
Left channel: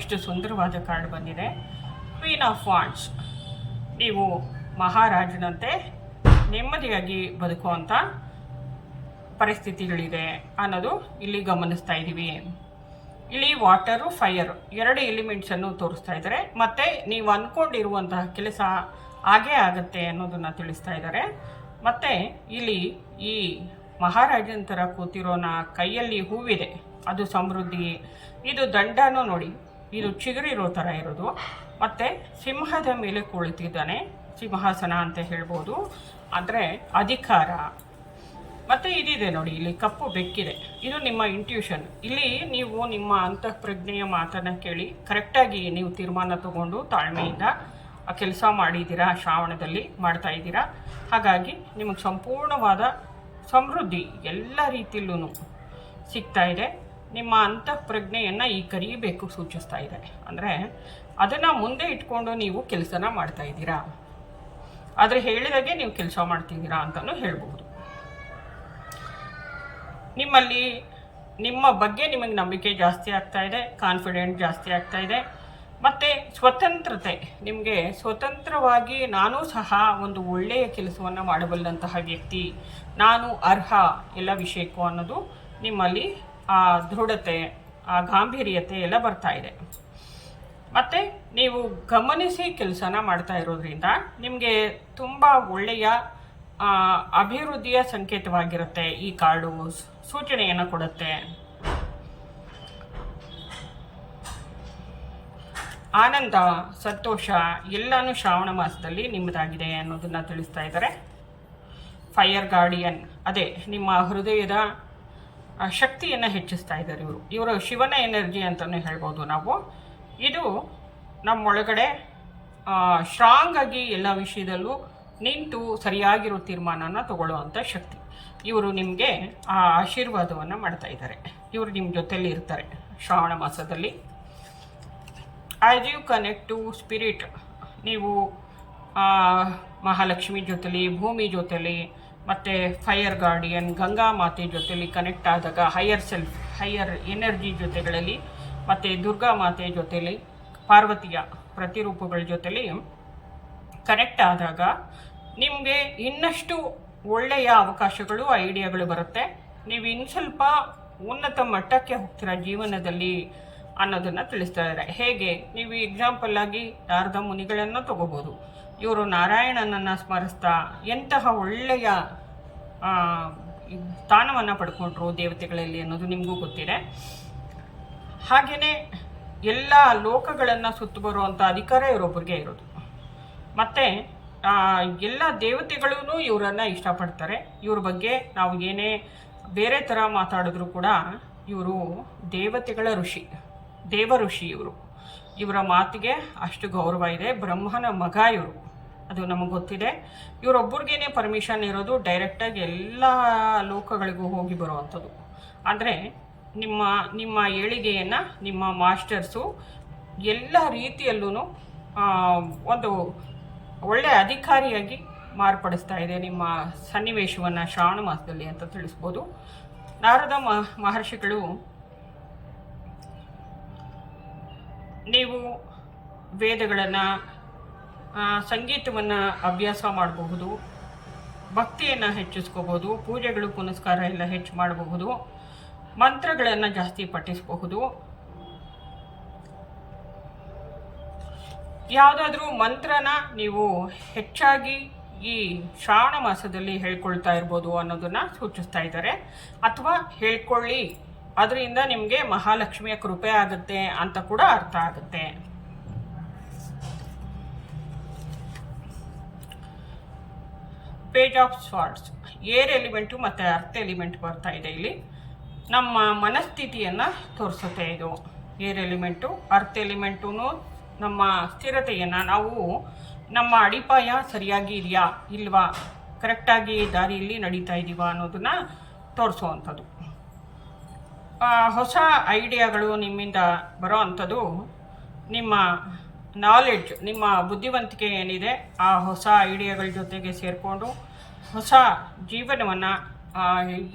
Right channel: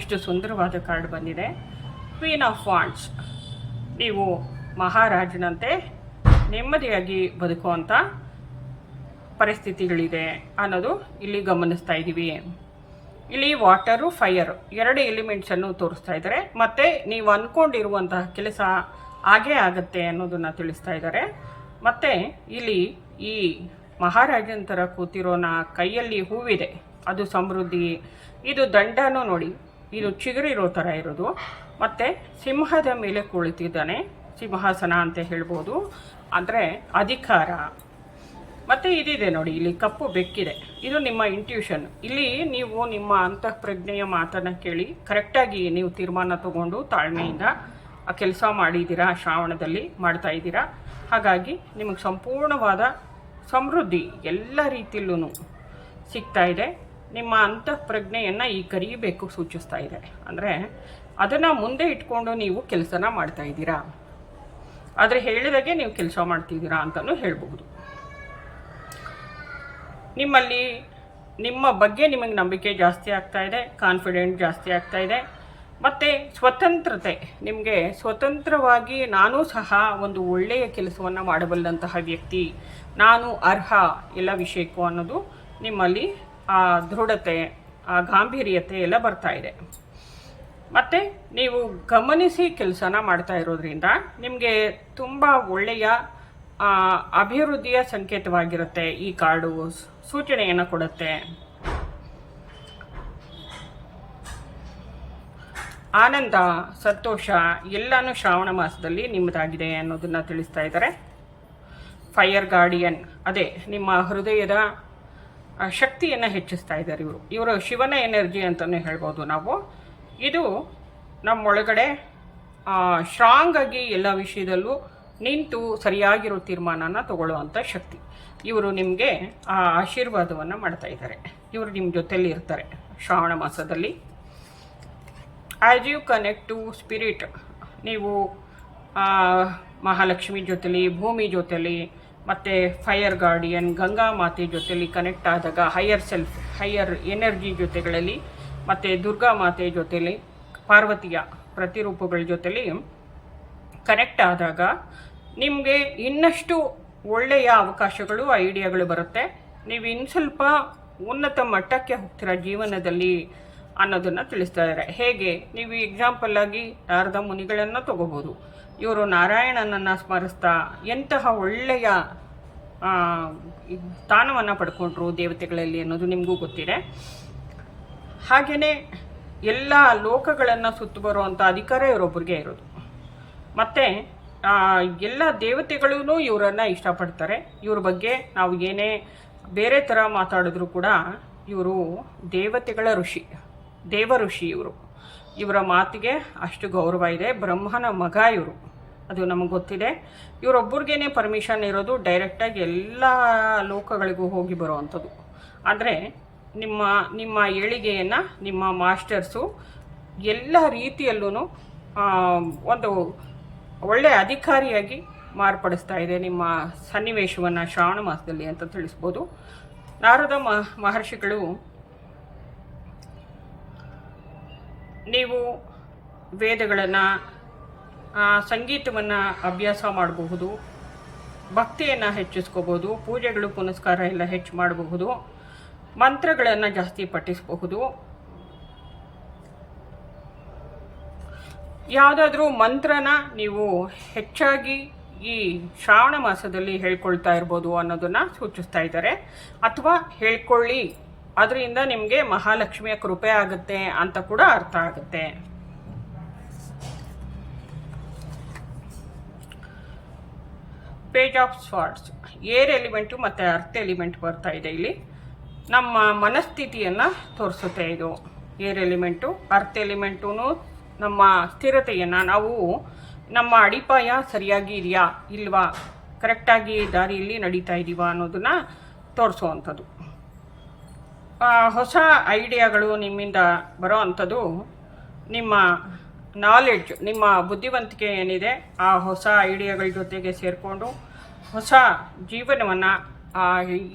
ಎಷ್ಟು ಸುಂದರವಾದ ಕಾರ್ಡ್ ಬಂದಿದೆ, ಕ್ವೀನ್ ಆಫ್ ವಾಂಡ್ಸ್. ನೀವು ಮಹಾರಾಜನಂತೆ ನೆಮ್ಮದಿಯಾಗಿ ಬದುಕುವಂಥ ಪರಿಸ್ಥಿತಿಗಳಿದೆ ಅನ್ನೋದು ಇಲ್ಲಿ ಗಮನಿಸ್ತಾ ಇದ್ದೀವಿ. ಇಲ್ಲಿ ವಾಟರು, ಫೈರ್ ಎರಡು ಎಲಿಮೆಂಟ್ಸನ್ನು ತೋರಿಸ್ತಾ ಇದ್ದಾರೆ. ಮತ್ತು ನೀವು ಅಂದ್ಕೊಂಡಿರುವಂತಹ ಕೆಲಸ ಹಾಗೇ ಆಗುತ್ತೆ ಅನ್ನೋದನ್ನು ತಿಳಿಸ್ತಾ ಇದ್ದಾರೆ. ಮತ್ತು ಇಲ್ಲಿ ಈ ಮಹಾರಾಜನ ಥರ ಕೂತಿರೋನ ಕೈಯಲ್ಲಿ ಹೂವಿದೆ, ಅದು ಸಮೃದ್ಧಿ. ಇದು ದಂಡನೂ ನೋಡಿ, ಇದು ಚಿಗುರಿರೋ ಥರ ಇರೋದು. ಮತ್ತು ಸಿಂಹದ ಮೇಲೆ ಕುಳಿತಿದ್ದಾನೆ, ಸಿಂಹಾಸನ ಅಂತ ಹೇಳ್ಬೋದು, ಅಂದರೆ ಅಧಿಕಾರ. ಮತ್ತು ಇದಿದೆ ನೋಡಿ, ಇಲ್ಲಿ ಕಪ್ಪು ಬೆಕ್ಕಿದೆ, ಇದು ನಿಮ್ಮ ಇಂಟ್ಯೂಷನ್. ಇಲ್ಲಿ ನೀವು ನಿಮ್ಮ ಅಂತಃಪ್ರಜ್ಞೆಯ ಮಾತನ್ನು ಕೇಳಿ ಕರೆಕ್ಟಾಗಿ ನೀವು ತೀರ್ಮಾನ ತಗೊಂಡು ತಾಳ್ಮೆಯಿಂದ ಆ ಕೆಲಸ ಮಾಡಿದ್ದೀರಾ, ಶ್ರಾವಣದಲ್ಲಿ ಮಾಡ್ತಾ ಇದ್ದೀರಾ. ಹಾಗಾಗಿ ನಿಮಗೆ ಸಂಪೂರ್ಣವಾದ ಸಮೃದ್ಧಿ ಎಲ್ಲ ರೀತಿಯಲ್ಲೂ ಸಿಗ್ತಾ ಇದೆ. ನಿಮ್ಮ ಅಂತಃಪ್ರಜ್ಞೆಯನ್ನು ಈ ಕರಿಬೇಕು ಸೂಚಿಸ್ತಾ ಇದೆ. ಅಂದರೆ ಅದನ್ನು ಮುಂದೆ ಇಟ್ಕೊಂಡು ನೀವು ಕೆಲಸನ ಮಾಡ್ತಾ ಇದ್ದೀರಾ, ಆದರೆ ಹೇಳಿದಾಗೆ ನೀವು ಕೆಲಸ ಮಾಡ್ತಿದ್ದೀರಾ ಅಂತಲೂ ಹೇಳ್ಬಹುದು. ನಿಮ್ಮಲ್ಲಿ ನಿಮ್ಮ ಬಗ್ಗೆ ನಿಮಗೆ ನಂಬಿಕೆ ಜಾಸ್ತಿ ಆಗ್ತಾ ಇದೆ, ಕಾನ್ಫಿಡೆಂಟ್ ಜಾಸ್ತಿ ಆಗ್ತಾ ಇದೆ. ಮತ್ತು ಸ್ವತಂತ್ರತೆ, ನಿಮಗೆ ಸ್ವತಂತ್ರವಾಗಿ ನಾನೂ ಸಹ ಒಂದು ಒಳ್ಳೆಯ ಕೆಲಸವನ್ನು ಮಾಡಬಲ್ಲಂತಹ ವ್ಯಕ್ತಿ, ನಾನು ಅರ್ಹ ಎಲ್ಲ ವಿಷಯಕ್ಕೂ ಅನ್ನೋದು ನಿಮ್ಮಲ್ಲಿ ಆ ದೃಢತೆ, ಆ ಗಾಂಭೀರ್ಯತೆ ಎಲ್ಲ ಬರ್ತಾ ಇದೆ. ಮತ್ತು ನೀವು ಗಮನಿಸಿ ಕೆಲಸನ ಮಾಡ್ತಾ ಇರೋದ್ರಿಂದ ನಿಮಗೆ ತುಂಬ ಒಳ್ಳೆಯ ಅಭಿವೃದ್ಧಿಯ ಸಂಕೇತವಾಗಿರುತ್ತೆ. ಈ ಕಾರ್ಡು ಸೂಚನೆಯನ್ನು ಕೊಡುತ್ತೆ. ಆನಂದ, ಸಂತೋಷ ಎಲ್ಲನೂ ಶ್ರಾವಣ ಮಾಸದಲ್ಲಿ ನಿಮ್ಮದಾಗಿದೆ ಅನ್ನೋದನ್ನು ತಿಳಿಸ್ತಾ ಇದ್ದಾರೆ. ಫೈರ್ ಗಾರ್ಡಿಯನ್, ಅದೇ ನಿಮ್ಮ ಹೃದಯದ ಶಕ್ತಿಯನ್ನು ಹೆಚ್ಚಿಸ್ತಾ ಇದ್ದಾರೆ ಇವರು ಶಿವನ ಎನರ್ಜಿ ಅಂತಲೇ ಹೇಳ್ಬೋದು ನಾವು. ಇದು ನಮ್ಮೊಳಗಡೆ ಸ್ಟ್ರಾಂಗ್ ಆಗಿ ಎಲ್ಲ ವಿಷಯದಲ್ಲೂ ನಿಂತು ಸರಿಯಾಗಿರೋ ತೀರ್ಮಾನನ ತಗೊಳ್ಳುವಂಥ ಶಕ್ತಿ. ಇವರು ನಿಮಗೆ ಆ ಆಶೀರ್ವಾದವನ್ನು ಮಾಡ್ತಾ ಇದ್ದಾರೆ. ಇವರು ನಿಮ್ಮ ಜೊತೆಯಲ್ಲಿ ಇರ್ತಾರೆ ಶ್ರಾವಣ ಮಾಸದಲ್ಲಿ. As you connect to spirit, ನೀವು ಮಹಾಲಕ್ಷ್ಮಿ ಜೊತೆಲಿ, ಭೂಮಿ ಜೊತೆಲಿ, ಮತ್ತು ಫೈರ್ ಗಾರ್ಡಿಯನ್ ಗಂಗಾ ಮಾತೆ ಜೊತೆಲಿ ಕನೆಕ್ಟ್ ಆದಾಗ, ಹೈಯರ್ ಸೆಲ್ಫ್, ಹೈಯರ್ ಎನರ್ಜಿ ಜೊತೆಗಳಲ್ಲಿ, ಮತ್ತು ದುರ್ಗಾ ಮಾತೆ ಜೊತೆಲಿ, ಪಾರ್ವತಿಯ ಪ್ರತಿರೂಪಗಳ ಜೊತೆಲಿ ಕನೆಕ್ಟ್ ಆದಾಗ ನಿಮಗೆ ಇನ್ನಷ್ಟು ಒಳ್ಳೆಯ ಅವಕಾಶಗಳು, ಐಡಿಯಾಗಳು ಬರುತ್ತೆ. ನೀವು ಇನ್ನು ಸ್ವಲ್ಪ ಉನ್ನತ ಮಟ್ಟಕ್ಕೆ ಹೋಗ್ತೀರಾ ಜೀವನದಲ್ಲಿ ಅನ್ನೋದನ್ನು ತಿಳಿಸ್ತಾ ಇದ್ದಾರೆ. ಹೇಗೆ, ನೀವು ಎಕ್ಸಾಂಪಲ್ ಆಗಿ ನಾರದ ಮುನಿಗಳನ್ನು ತಗೋಬೋದು. ಇವರು ನಾರಾಯಣನನ್ನು ಸ್ಮರಿಸ್ತಾ ಎಂತಹ ಒಳ್ಳೆಯ ಸ್ಥಾನವನ್ನು ಪಡ್ಕೊಂಡ್ರು ದೇವತೆಗಳಲ್ಲಿ ಅನ್ನೋದು ನಿಮಗೂ ಗೊತ್ತಿದೆ. ಹಾಗೆಯೇ ಎಲ್ಲ ಲೋಕಗಳನ್ನು ಸುತ್ತು ಬರುವಂಥ ಅಧಿಕಾರ ಇವರೊಬ್ಬರಿಗೆ ಇರೋದು. ಮತ್ತು ಎಲ್ಲ ದೇವತೆಗಳೂ ಇವರನ್ನು ಇಷ್ಟಪಡ್ತಾರೆ. ಇವ್ರ ಬಗ್ಗೆ ನಾವು ಏನೇ ಬೇರೆ ಥರ ಮಾತಾಡಿದ್ರು ಕೂಡ ಇವರು ದೇವತೆಗಳ ಋಷಿ, ದೇವ ಋಷಿ ಇವರು. ಇವರ ಮಾತಿಗೆ ಅಷ್ಟು ಗೌರವ ಇದೆ. ಬ್ರಹ್ಮನ ಮಗ ಇವರು, ಅದು ನಮಗೆ ಗೊತ್ತಿದೆ. ಇವರೊಬ್ಬರಿಗೇನೆ ಪರ್ಮಿಷನ್ ಇರೋದು, ಡೈರೆಕ್ಟಾಗಿ ಎಲ್ಲ ಲೋಕಗಳಿಗೂ ಹೋಗಿ ಬರುವಂಥದ್ದು. ಅಂದರೆ ನಿಮ್ಮ ನಿಮ್ಮ ಏಳಿಗೆಯನ್ನು ನಿಮ್ಮ ಮಾಸ್ಟರ್ಸು ಎಲ್ಲ ರೀತಿಯಲ್ಲೂ ಒಂದು ಒಳ್ಳೆಯ ಅಧಿಕಾರಿಯಾಗಿ ಮಾರ್ಪಡಿಸ್ತಾ ಇದೆ ನಿಮ್ಮ ಸನ್ನಿವೇಶವನ್ನು ಶ್ರಾವಣ ಮಾಸದಲ್ಲಿ ಅಂತ ತಿಳಿಸ್ಬೋದು. ನಾರದ ಮಹರ್ಷಿಗಳು, ನೀವು ವೇದಗಳನ್ನು, ಸಂಗೀತವನ್ನು ಅಭ್ಯಾಸ ಮಾಡಬಹುದು, ಭಕ್ತಿಯನ್ನು ಹೆಚ್ಚಿಸ್ಕೋಬೋದು, ಪೂಜೆಗಳು ಪುನಸ್ಕಾರ ಎಲ್ಲ ಹೆಚ್ಚು ಮಾಡಬಹುದು, ಮಂತ್ರಗಳನ್ನು ಜಾಸ್ತಿ ಪಠಿಸಬಹುದು. ಯಾವುದಾದ್ರೂ ಮಂತ್ರನ ನೀವು ಹೆಚ್ಚಾಗಿ ಈ ಶ್ರಾವಣ ಮಾಸದಲ್ಲಿ ಹೇಳ್ಕೊಳ್ತಾ ಇರ್ಬೋದು ಅನ್ನೋದನ್ನು ಸೂಚಿಸ್ತಾ ಇದ್ದಾರೆ. ಅಥವಾ ಹೇಳ್ಕೊಳ್ಳಿ, ಅದರಿಂದ ನಿಮಗೆ ಮಹಾಲಕ್ಷ್ಮಿಯ ಕೃಪೆ ಆಗುತ್ತೆ ಅಂತ ಕೂಡ ಅರ್ಥ ಆಗುತ್ತೆ. ಪೇಜ್ ಆಫ್ ಸ್ವಾರ್ಡ್ಸ್, ಏರ್ ಎಲಿಮೆಂಟು ಮತ್ತು ಅರ್ತ್ ಎಲಿಮೆಂಟ್ ಬರ್ತಾ ಇದೆ ಇಲ್ಲಿ. ನಮ್ಮ ಮನಸ್ಥಿತಿಯನ್ನು ತೋರಿಸುತ್ತೆ ಇದು ಏರ್ ಎಲಿಮೆಂಟು. ಅರ್ತ್ ಎಲಿಮೆಂಟು ನಮ್ಮ ಸ್ಥಿರತೆಯನ್ನು, ನಾವು ನಮ್ಮ ಅಡಿಪಾಯ ಸರಿಯಾಗಿ ಇದೆಯಾ ಇಲ್ವಾ, ಕರೆಕ್ಟಾಗಿ ದಾರಿಯಲ್ಲಿ ನಡೀತಾ ಇದ್ದೀವಾ ಅನ್ನೋದನ್ನು ತೋರಿಸುವಂಥದ್ದು. ಹೊಸ ಐಡಿಯಾಗಳು ನಿಮ್ಮಿಂದ ಬರೋ ಅಂಥದ್ದು, ನಿಮ್ಮ ನಾಲೆಡ್ಜ್, ನಿಮ್ಮ ಬುದ್ಧಿವಂತಿಕೆ ಏನಿದೆ ಆ ಹೊಸ ಐಡಿಯಾಗಳ ಜೊತೆಗೆ ಸೇರಿಕೊಂಡು ಹೊಸ ಜೀವನವನ್ನು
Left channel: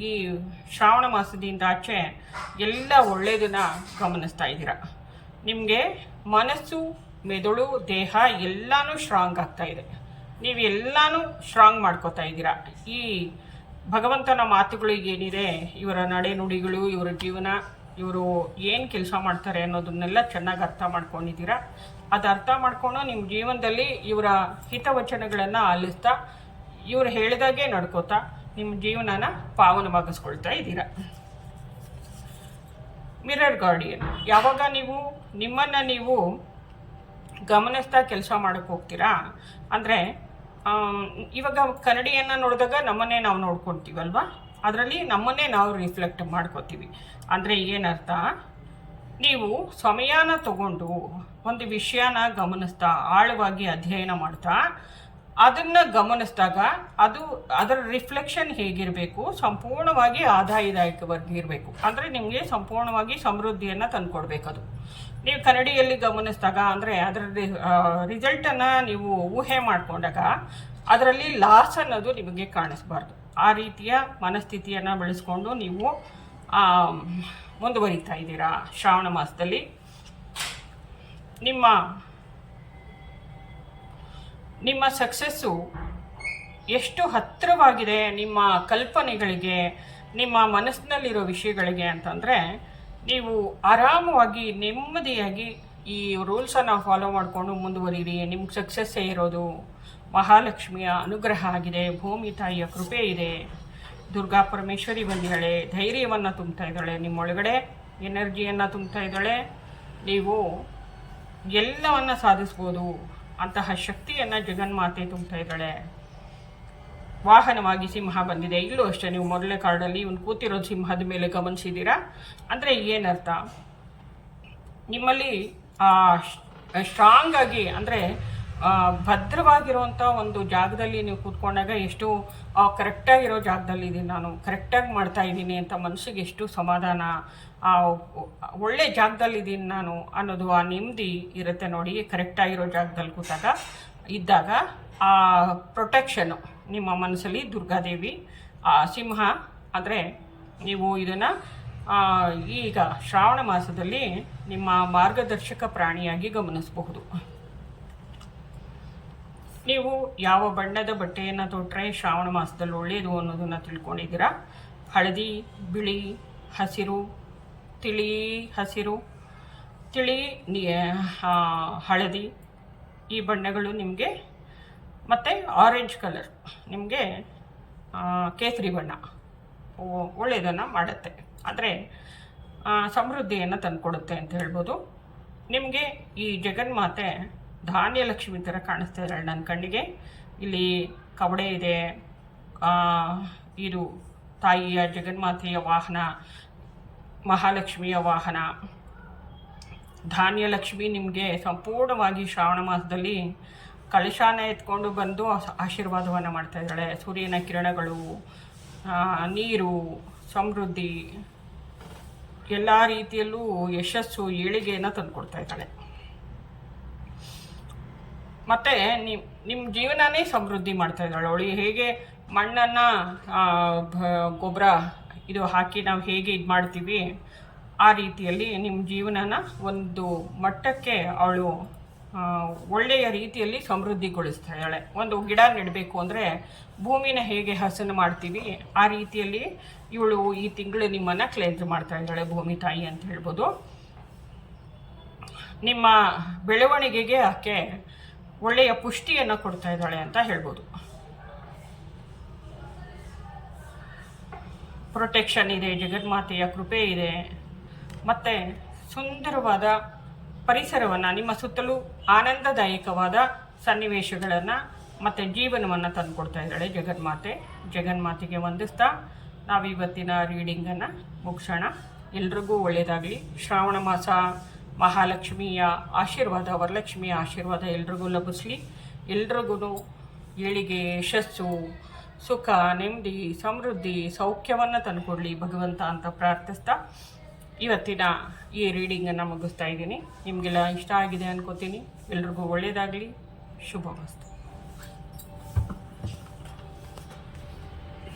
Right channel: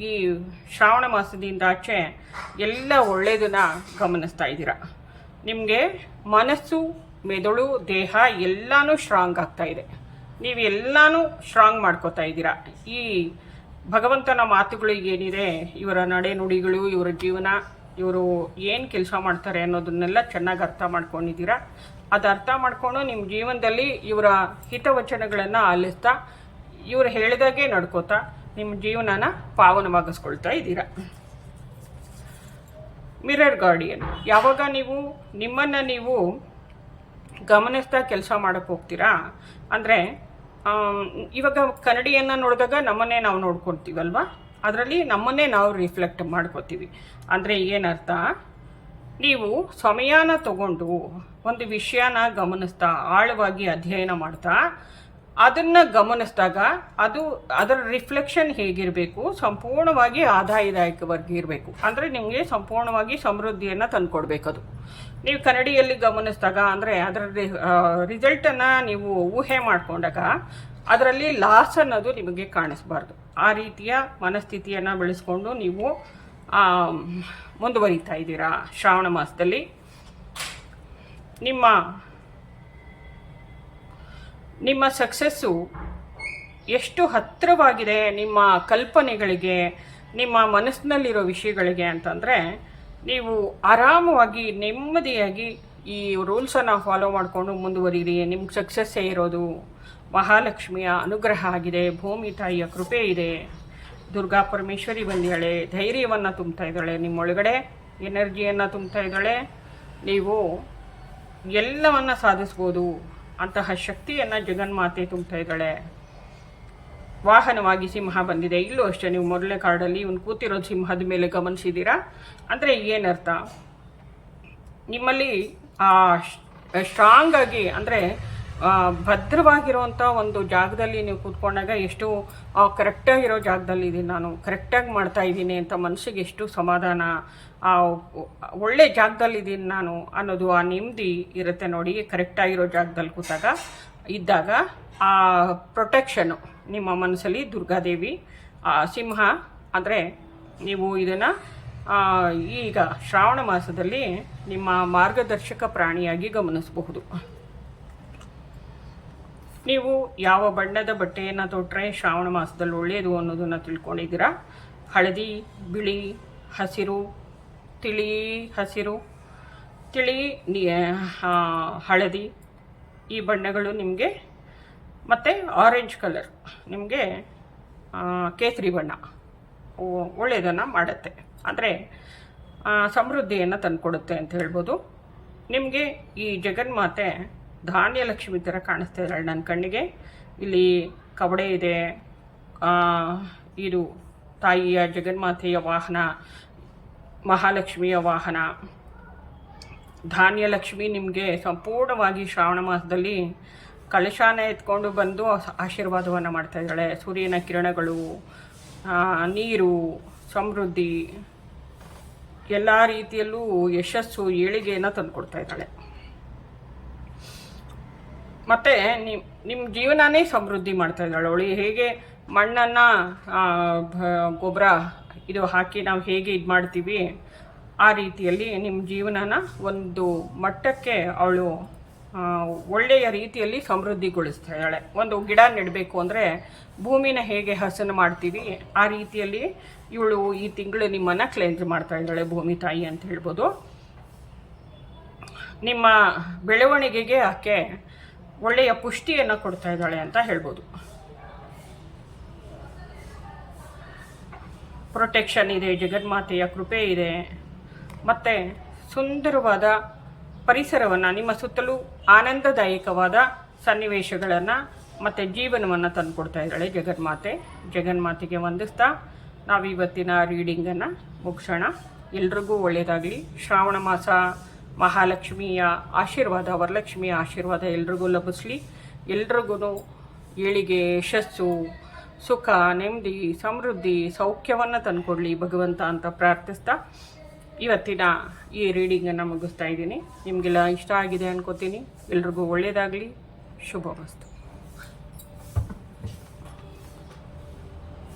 ಈ ಶ್ರಾವಣ ಮಾಸದಿಂದ ಆಚೆ ಎಲ್ಲ ಒಳ್ಳೆಯದನ್ನು ಗಮನಿಸ್ತಾ ಇದ್ದೀರಾ. ನಿಮಗೆ ಮನಸ್ಸು, ಮೆದುಳು, ದೇಹ ಎಲ್ಲನೂ ಸ್ಟ್ರಾಂಗ್ ಆಗ್ತಾ ಇದೆ. ನೀವು ಎಲ್ಲನೂ ಸ್ಟ್ರಾಂಗ್ ಮಾಡ್ಕೋತಾ ಇದ್ದೀರಾ. ಈ ಭಗವಂತನ ಮಾತುಗಳಿಗೇನಿದೆ, ಇವರ ನಡೆನುಡಿಗಳು, ಇವರ ಜೀವನ, ಇವರು ಏನು ಕೆಲಸ ಮಾಡ್ತಾರೆ ಅನ್ನೋದನ್ನೆಲ್ಲ ಚೆನ್ನಾಗಿ ಅರ್ಥ ಮಾಡ್ಕೊಂಡಿದ್ದೀರಾ. ಅದು ಅರ್ಥ ಮಾಡ್ಕೊಂಡು ನಿಮ್ಮ ಜೀವನದಲ್ಲಿ ಇವರ ಹಿತವಚನಗಳನ್ನು ಆಲಿಸ್ತಾ, ಇವರು ಹೇಳಿದಾಗೆ ನಡ್ಕೋತಾ ನಿಮ್ಮ ಜೀವನನ ಪಾವನವಾಗಿಸ್ಕೊಳ್ತಾ ಇದ್ದೀರಾ. ಮಿರರ್ ಗಾರ್ಡಿಯನ್, ಯಾವಾಗ ನೀವು ನಿಮ್ಮನ್ನು ನೀವು ಗಮನಿಸ್ತಾ ಕೆಲಸ ಮಾಡೋಕ್ಕೆ ಹೋಗ್ತೀರಾ, ಅಂದರೆ ಇವಾಗ ಕನ್ನಡಿಯನ್ನು ನೋಡಿದಾಗ ನಮ್ಮನ್ನೇ ನಾವು ನೋಡ್ಕೊಳ್ತೀವಲ್ವ, ಅದರಲ್ಲಿ ನಮ್ಮನ್ನೇ ನಾವು ರಿಫ್ಲೆಕ್ಟ್ ಮಾಡ್ಕೋತೀವಿ. ಅಂದರೆ ಏನರ್ಥ, ನೀವು ಸಮಯನ ತಗೊಂಡು ಒಂದು ವಿಷಯನ ಗಮನಿಸ್ತಾ ಆಳವಾಗಿ ಅಧ್ಯಯನ ಮಾಡ್ತಾ ಅದನ್ನು ಗಮನಿಸಿದಾಗ ಅದರ ರಿಫ್ಲೆಕ್ಷನ್ ಹೇಗಿರಬೇಕು, ಸಂಪೂರ್ಣವಾಗಿ ಆದಾಯದಾಯಕವಾಗಿ ಇರಬೇಕು. ಅಂದರೆ ನಿಮಗೆ ಸಂಪೂರ್ಣವಾಗಿ ಸಮೃದ್ಧಿಯನ್ನು ತಂದುಕೊಡ್ಬೇಕದು. ನೀವು ಕನ್ನಡಿಯಲ್ಲಿ ಗಮನಿಸಿದಾಗ, ಅಂದರೆ ಅದರ ರಿಸಲ್ಟನ್ನು ನೀವು ಊಹೆ ಮಾಡಿಕೊಂಡಾಗ ಅದರಲ್ಲಿ ಲಾಸ್ ಅನ್ನೋದು ನಿಮಗೆ ಕಾಣಿಸ್ಬಾರ್ದು. ಆ ರೀತಿಯ ಮನಸ್ಥಿತಿಯನ್ನು ಬೆಳೆಸ್ಕೊಂಡು ನೀವು ಮುಂದುವರಿತಾ ಇದ್ದೀರಾ ಶ್ರಾವಣ ಮಾಸದಲ್ಲಿ. ನಿಮ್ಮ ಸಕ್ಸಸ್ಸು ಎಷ್ಟು ಹತ್ತಿರವಾಗಿದೆ ನಿಮ್ಮ ಕಲ್ಪನೆಗಳಿಗೆ, ನಿಮ್ಮ ಮನಸ್ಸಿನಲ್ಲಿರೋ ವಿಷಯಗಳಿಗೆ ಅಂತಂದರೆ, ನೀವು ಆರಾಮವಾಗಿ ನೆಮ್ಮದಿಯಾಗಿ ಈ ರೂಲ್ಸನ್ನು ಫಾಲೋ ಮಾಡಿಕೊಂಡು ಮುಂದುವರಿರಿ. ನಿಮ್ಗೆ ಸಕ್ಸಸ್ಸೇ ಇರೋದು. ಮಹಾಲಕ್ಷ್ಮಿಯ ಅನುಗ್ರಹ ಆಗಿದೆ, ಭೂಮಿ ತಾಯಿಯ ಕೃಪೆ ಇದೆ, ದುರ್ಗಾ ಪರಮೇಶ್ವರಿ ಬಂದಿದ್ದಾಳೆ, ಧೈರ್ಯವನ್ನು ತುಂಬ್ತಾ ಇದ್ದಾಳೆ, ನಿಮ್ಮೊಳಗಡೆ ಎನರ್ಜಿಯನ್ನು ತುಂಬ್ತಾ ಇದ್ದಾಳೆ. ನೀವು ಎಲ್ಲವನ್ನು ಸಾಧಿಸ್ಬೋದು ಅಂತಹ ಶಕ್ತಿಯನ್ನು ಜಗನ್ಮಾತೆ ತುಂಬ್ತಾ ಇದ್ದಾಳೆ. ವಾಹನವಾಗಿ ಸಿಂಹ ಬಂದಿದೆ. ಇಲ್ಲೂ ಅಷ್ಟೇ, ನೀವು ಮೊದಲನೇ ಕಾರ್ಡಲ್ಲಿ ಇವನು ಕೂತಿರೋ ಸಿಂಹದ ಮೇಲೆ ಗಮನಿಸಿದ್ದೀರಾ. ಅಂದರೆ ಏನರ್ಥ, ನಿಮ್ಮಲ್ಲಿ ಸ್ಟ್ರಾಂಗ್ ಆಗಿ, ಅಂದರೆ ಭದ್ರವಾಗಿರುವಂಥ ಒಂದು ಜಾಗದಲ್ಲಿ ನೀವು ಕೂತ್ಕೊಂಡಾಗ ಎಷ್ಟು ಕರೆಕ್ಟಾಗಿರೋ ಜಾಗದಲ್ಲಿ ಇದ್ದೀನಿ ನಾನು, ಕರೆಕ್ಟಾಗಿ ಮಾಡ್ತಾ ಇದ್ದೀನಿ ಅಂತ ಮನಸ್ಸಿಗೆ ಎಷ್ಟು ಸಮಾಧಾನ, ಒಳ್ಳೆ ಜಾಗದಲ್ಲಿದ್ದೀನಿ ನಾನು ಅನ್ನೋದು ಆ ನೆಮ್ಮದಿ ಇರುತ್ತೆ ನೋಡಿ. ಕರೆಕ್ಟಾಗಿರೋ ಜಾಗದಲ್ಲಿ ಇದ್ದಾಗ ಆ ಪ್ರೊಟೆಕ್ಷನು ನಿಮ್ಮ ಮನಸ್ಸಲ್ಲಿ ದುರ್ಗಾದೇವಿ, ಸಿಂಹ. ಅಂದರೆ ನೀವು ಇದನ್ನು ಈಗ ಶ್ರಾವಣ ಮಾಸದಲ್ಲಿ ನಿಮ್ಮ ಮಾರ್ಗದರ್ಶಕ ಪ್ರಾಣಿಯಾಗಿ ಗಮನಿಸಬಹುದು. ನೀವು ಯಾವ ಬಣ್ಣದ ಬಟ್ಟೆಯನ್ನು ತೊಟ್ಟರೆ ಶ್ರಾವಣ ಮಾಸದಲ್ಲಿ ಒಳ್ಳೆಯದು ಅನ್ನೋದನ್ನು ತಿಳ್ಕೊಂಡಿದ್ದೀರಾ. ಹಳದಿ, ಬಿಳಿ, ಹಸಿರು, ತಿಳಿ ಹಸಿರು, ತಿಳಿ ಹಳದಿ, ಈ ಬಣ್ಣಗಳು ನಿಮಗೆ, ಮತ್ತು ಆರೆಂಜ್ ಕಲರ್ ನಿಮಗೆ ಕೇಸರಿ ಬಣ್ಣ ಒಳ್ಳೆಯದನ್ನು ಮಾಡುತ್ತೆ. ಅಂದರೆ ಸಮೃದ್ಧಿಯನ್ನು ತಂದುಕೊಡುತ್ತೆ ಅಂತ ಹೇಳ್ಬೋದು. ನಿಮಗೆ ಈ ಜಗನ್ಮಾತೆ ಧಾನ್ಯಲಕ್ಷ್ಮಿ ಥರ ಕಾಣಿಸ್ತಾ ಇದ್ದಾಳೆ ನನ್ನ ಕಣ್ಣಿಗೆ. ಇಲ್ಲಿ ಕವಡೆ ಇದೆ, ಇದು ತಾಯಿಯ ಜಗನ್ಮಾತೆಯ ವಾಹನ, ಮಹಾಲಕ್ಷ್ಮಿಯ ವಾಹನ. ಧಾನ್ಯ ಲಕ್ಷ್ಮಿ ನಿಮಗೆ ಸಂಪೂರ್ಣವಾಗಿ ಶ್ರಾವಣ ಮಾಸದಲ್ಲಿ ಕಲಶಾನ ಎತ್ಕೊಂಡು ಬಂದು ಆಶೀರ್ವಾದವನ್ನು ಮಾಡ್ತಾ ಇದ್ದಾಳೆ. ಸೂರ್ಯನ ಕಿರಣಗಳು, ನೀರು, ಸಮೃದ್ಧಿ, ಎಲ್ಲ ರೀತಿಯಲ್ಲೂ ಯಶಸ್ಸು, ಏಳಿಗೆಯನ್ನು ತಂದುಕೊಡ್ತಾ ಇದ್ದಾಳೆ. ಮತ್ತು ನಿಮ್ಮ ಜೀವನನೇ ಸಮೃದ್ಧಿ ಮಾಡ್ತಾ ಇದ್ದಾಳೆ ಅವಳು. ಹೇಗೆ ಮಣ್ಣನ್ನು ಗೊಬ್ಬರ ಇದು ಹಾಕಿ ನಾವು ಹೇಗೆ ಇದು ಮಾಡ್ತೀವಿ, ಆ ರೀತಿಯಲ್ಲಿ ನಿಮ್ಮ ಜೀವನನ ಒಂದು ಮಟ್ಟಕ್ಕೆ ಅವಳು ಒಳ್ಳೆಯ ರೀತಿಯಲ್ಲಿ ಸಮೃದ್ಧಿಗೊಳಿಸ್ತಾ ಇದ್ದಾಳೆ. ಒಂದು ಗಿಡ ನೆಡಬೇಕು ಅಂದರೆ ಭೂಮಿನ ಹೇಗೆ ಹಸನು ಮಾಡ್ತೀವಿ, ಆ ರೀತಿಯಲ್ಲಿ ಇವಳು ಈ ತಿಂಗಳು ನಿಮ್ಮನ್ನು ಕ್ಲೆನ್ಸ್ ಮಾಡ್ತಾ ಇದ್ದಾಳೆ, ಭೂಮಿ ತಾಯಿ ಅಂತ ಹೇಳ್ಬೋದು. ನಿಮ್ಮ ಬೆಳವಣಿಗೆಗೆ ಆಕೆ ಒಳ್ಳೆಯ ಪುಷ್ಟಿಯನ್ನು ಕೊಡ್ತಾ ಇದ್ದಾಳೆ ಅಂತ ಹೇಳ್ಬೋದು. ಪ್ರೊಟೆಕ್ಷನ್ ಇದೆ, ಜಗನ್ಮಾತೆಯ ಕೃಪೆ ಇದೆ, ಮತ್ತು ಸುಂದರವಾದ ಪರಿಸರವನ್ನು, ನಿಮ್ಮ ಸುತ್ತಲೂ ಆನಂದದಾಯಕವಾದ ಸನ್ನಿವೇಶಗಳನ್ನು ಮತ್ತು ಜೀವನವನ್ನು ತಂದುಕೊಡ್ತಾ ಇದ್ದಾಳೆ ಜಗನ್ಮಾತೆಗೆ ವಂದಿಸ್ತಾ ನಾವು ಇವತ್ತಿನ ರೀಡಿಂಗನ್ನು ಮುಗಿಸೋಣ. ಎಲ್ರಿಗೂ ಒಳ್ಳೆಯದಾಗಲಿ. ಶ್ರಾವಣ ಮಾಸ ಮಹಾಲಕ್ಷ್ಮಿಯ ಆಶೀರ್ವಾದ, ವರಲಕ್ಷ್ಮಿಯ ಆಶೀರ್ವಾದ ಎಲ್ರಿಗೂ ಲಭಿಸಲಿ. ಎಲ್ರಿಗೂ ಏಳಿಗೆ, ಯಶಸ್ಸು, ಸುಖ, ನೆಮ್ಮದಿ, ಸಮೃದ್ಧಿ, ಸೌಖ್ಯವನ್ನು ತಂದುಕೊಡ್ಲಿ ಭಗವಂತ ಅಂತ ಪ್ರಾರ್ಥಿಸ್ತಾ ಇವತ್ತಿನ ಈ ರೀಡಿಂಗನ್ನು ಮುಗಿಸ್ತಾ ಇದ್ದೀನಿ. ನಿಮಗೆಲ್ಲ ಇಷ್ಟ ಆಗಿದೆ ಅನ್ಕೋತೀನಿ. ಎಲ್ರಿಗೂ ಒಳ್ಳೆಯದಾಗಲಿ. ಶುಭಮಸ್ತು.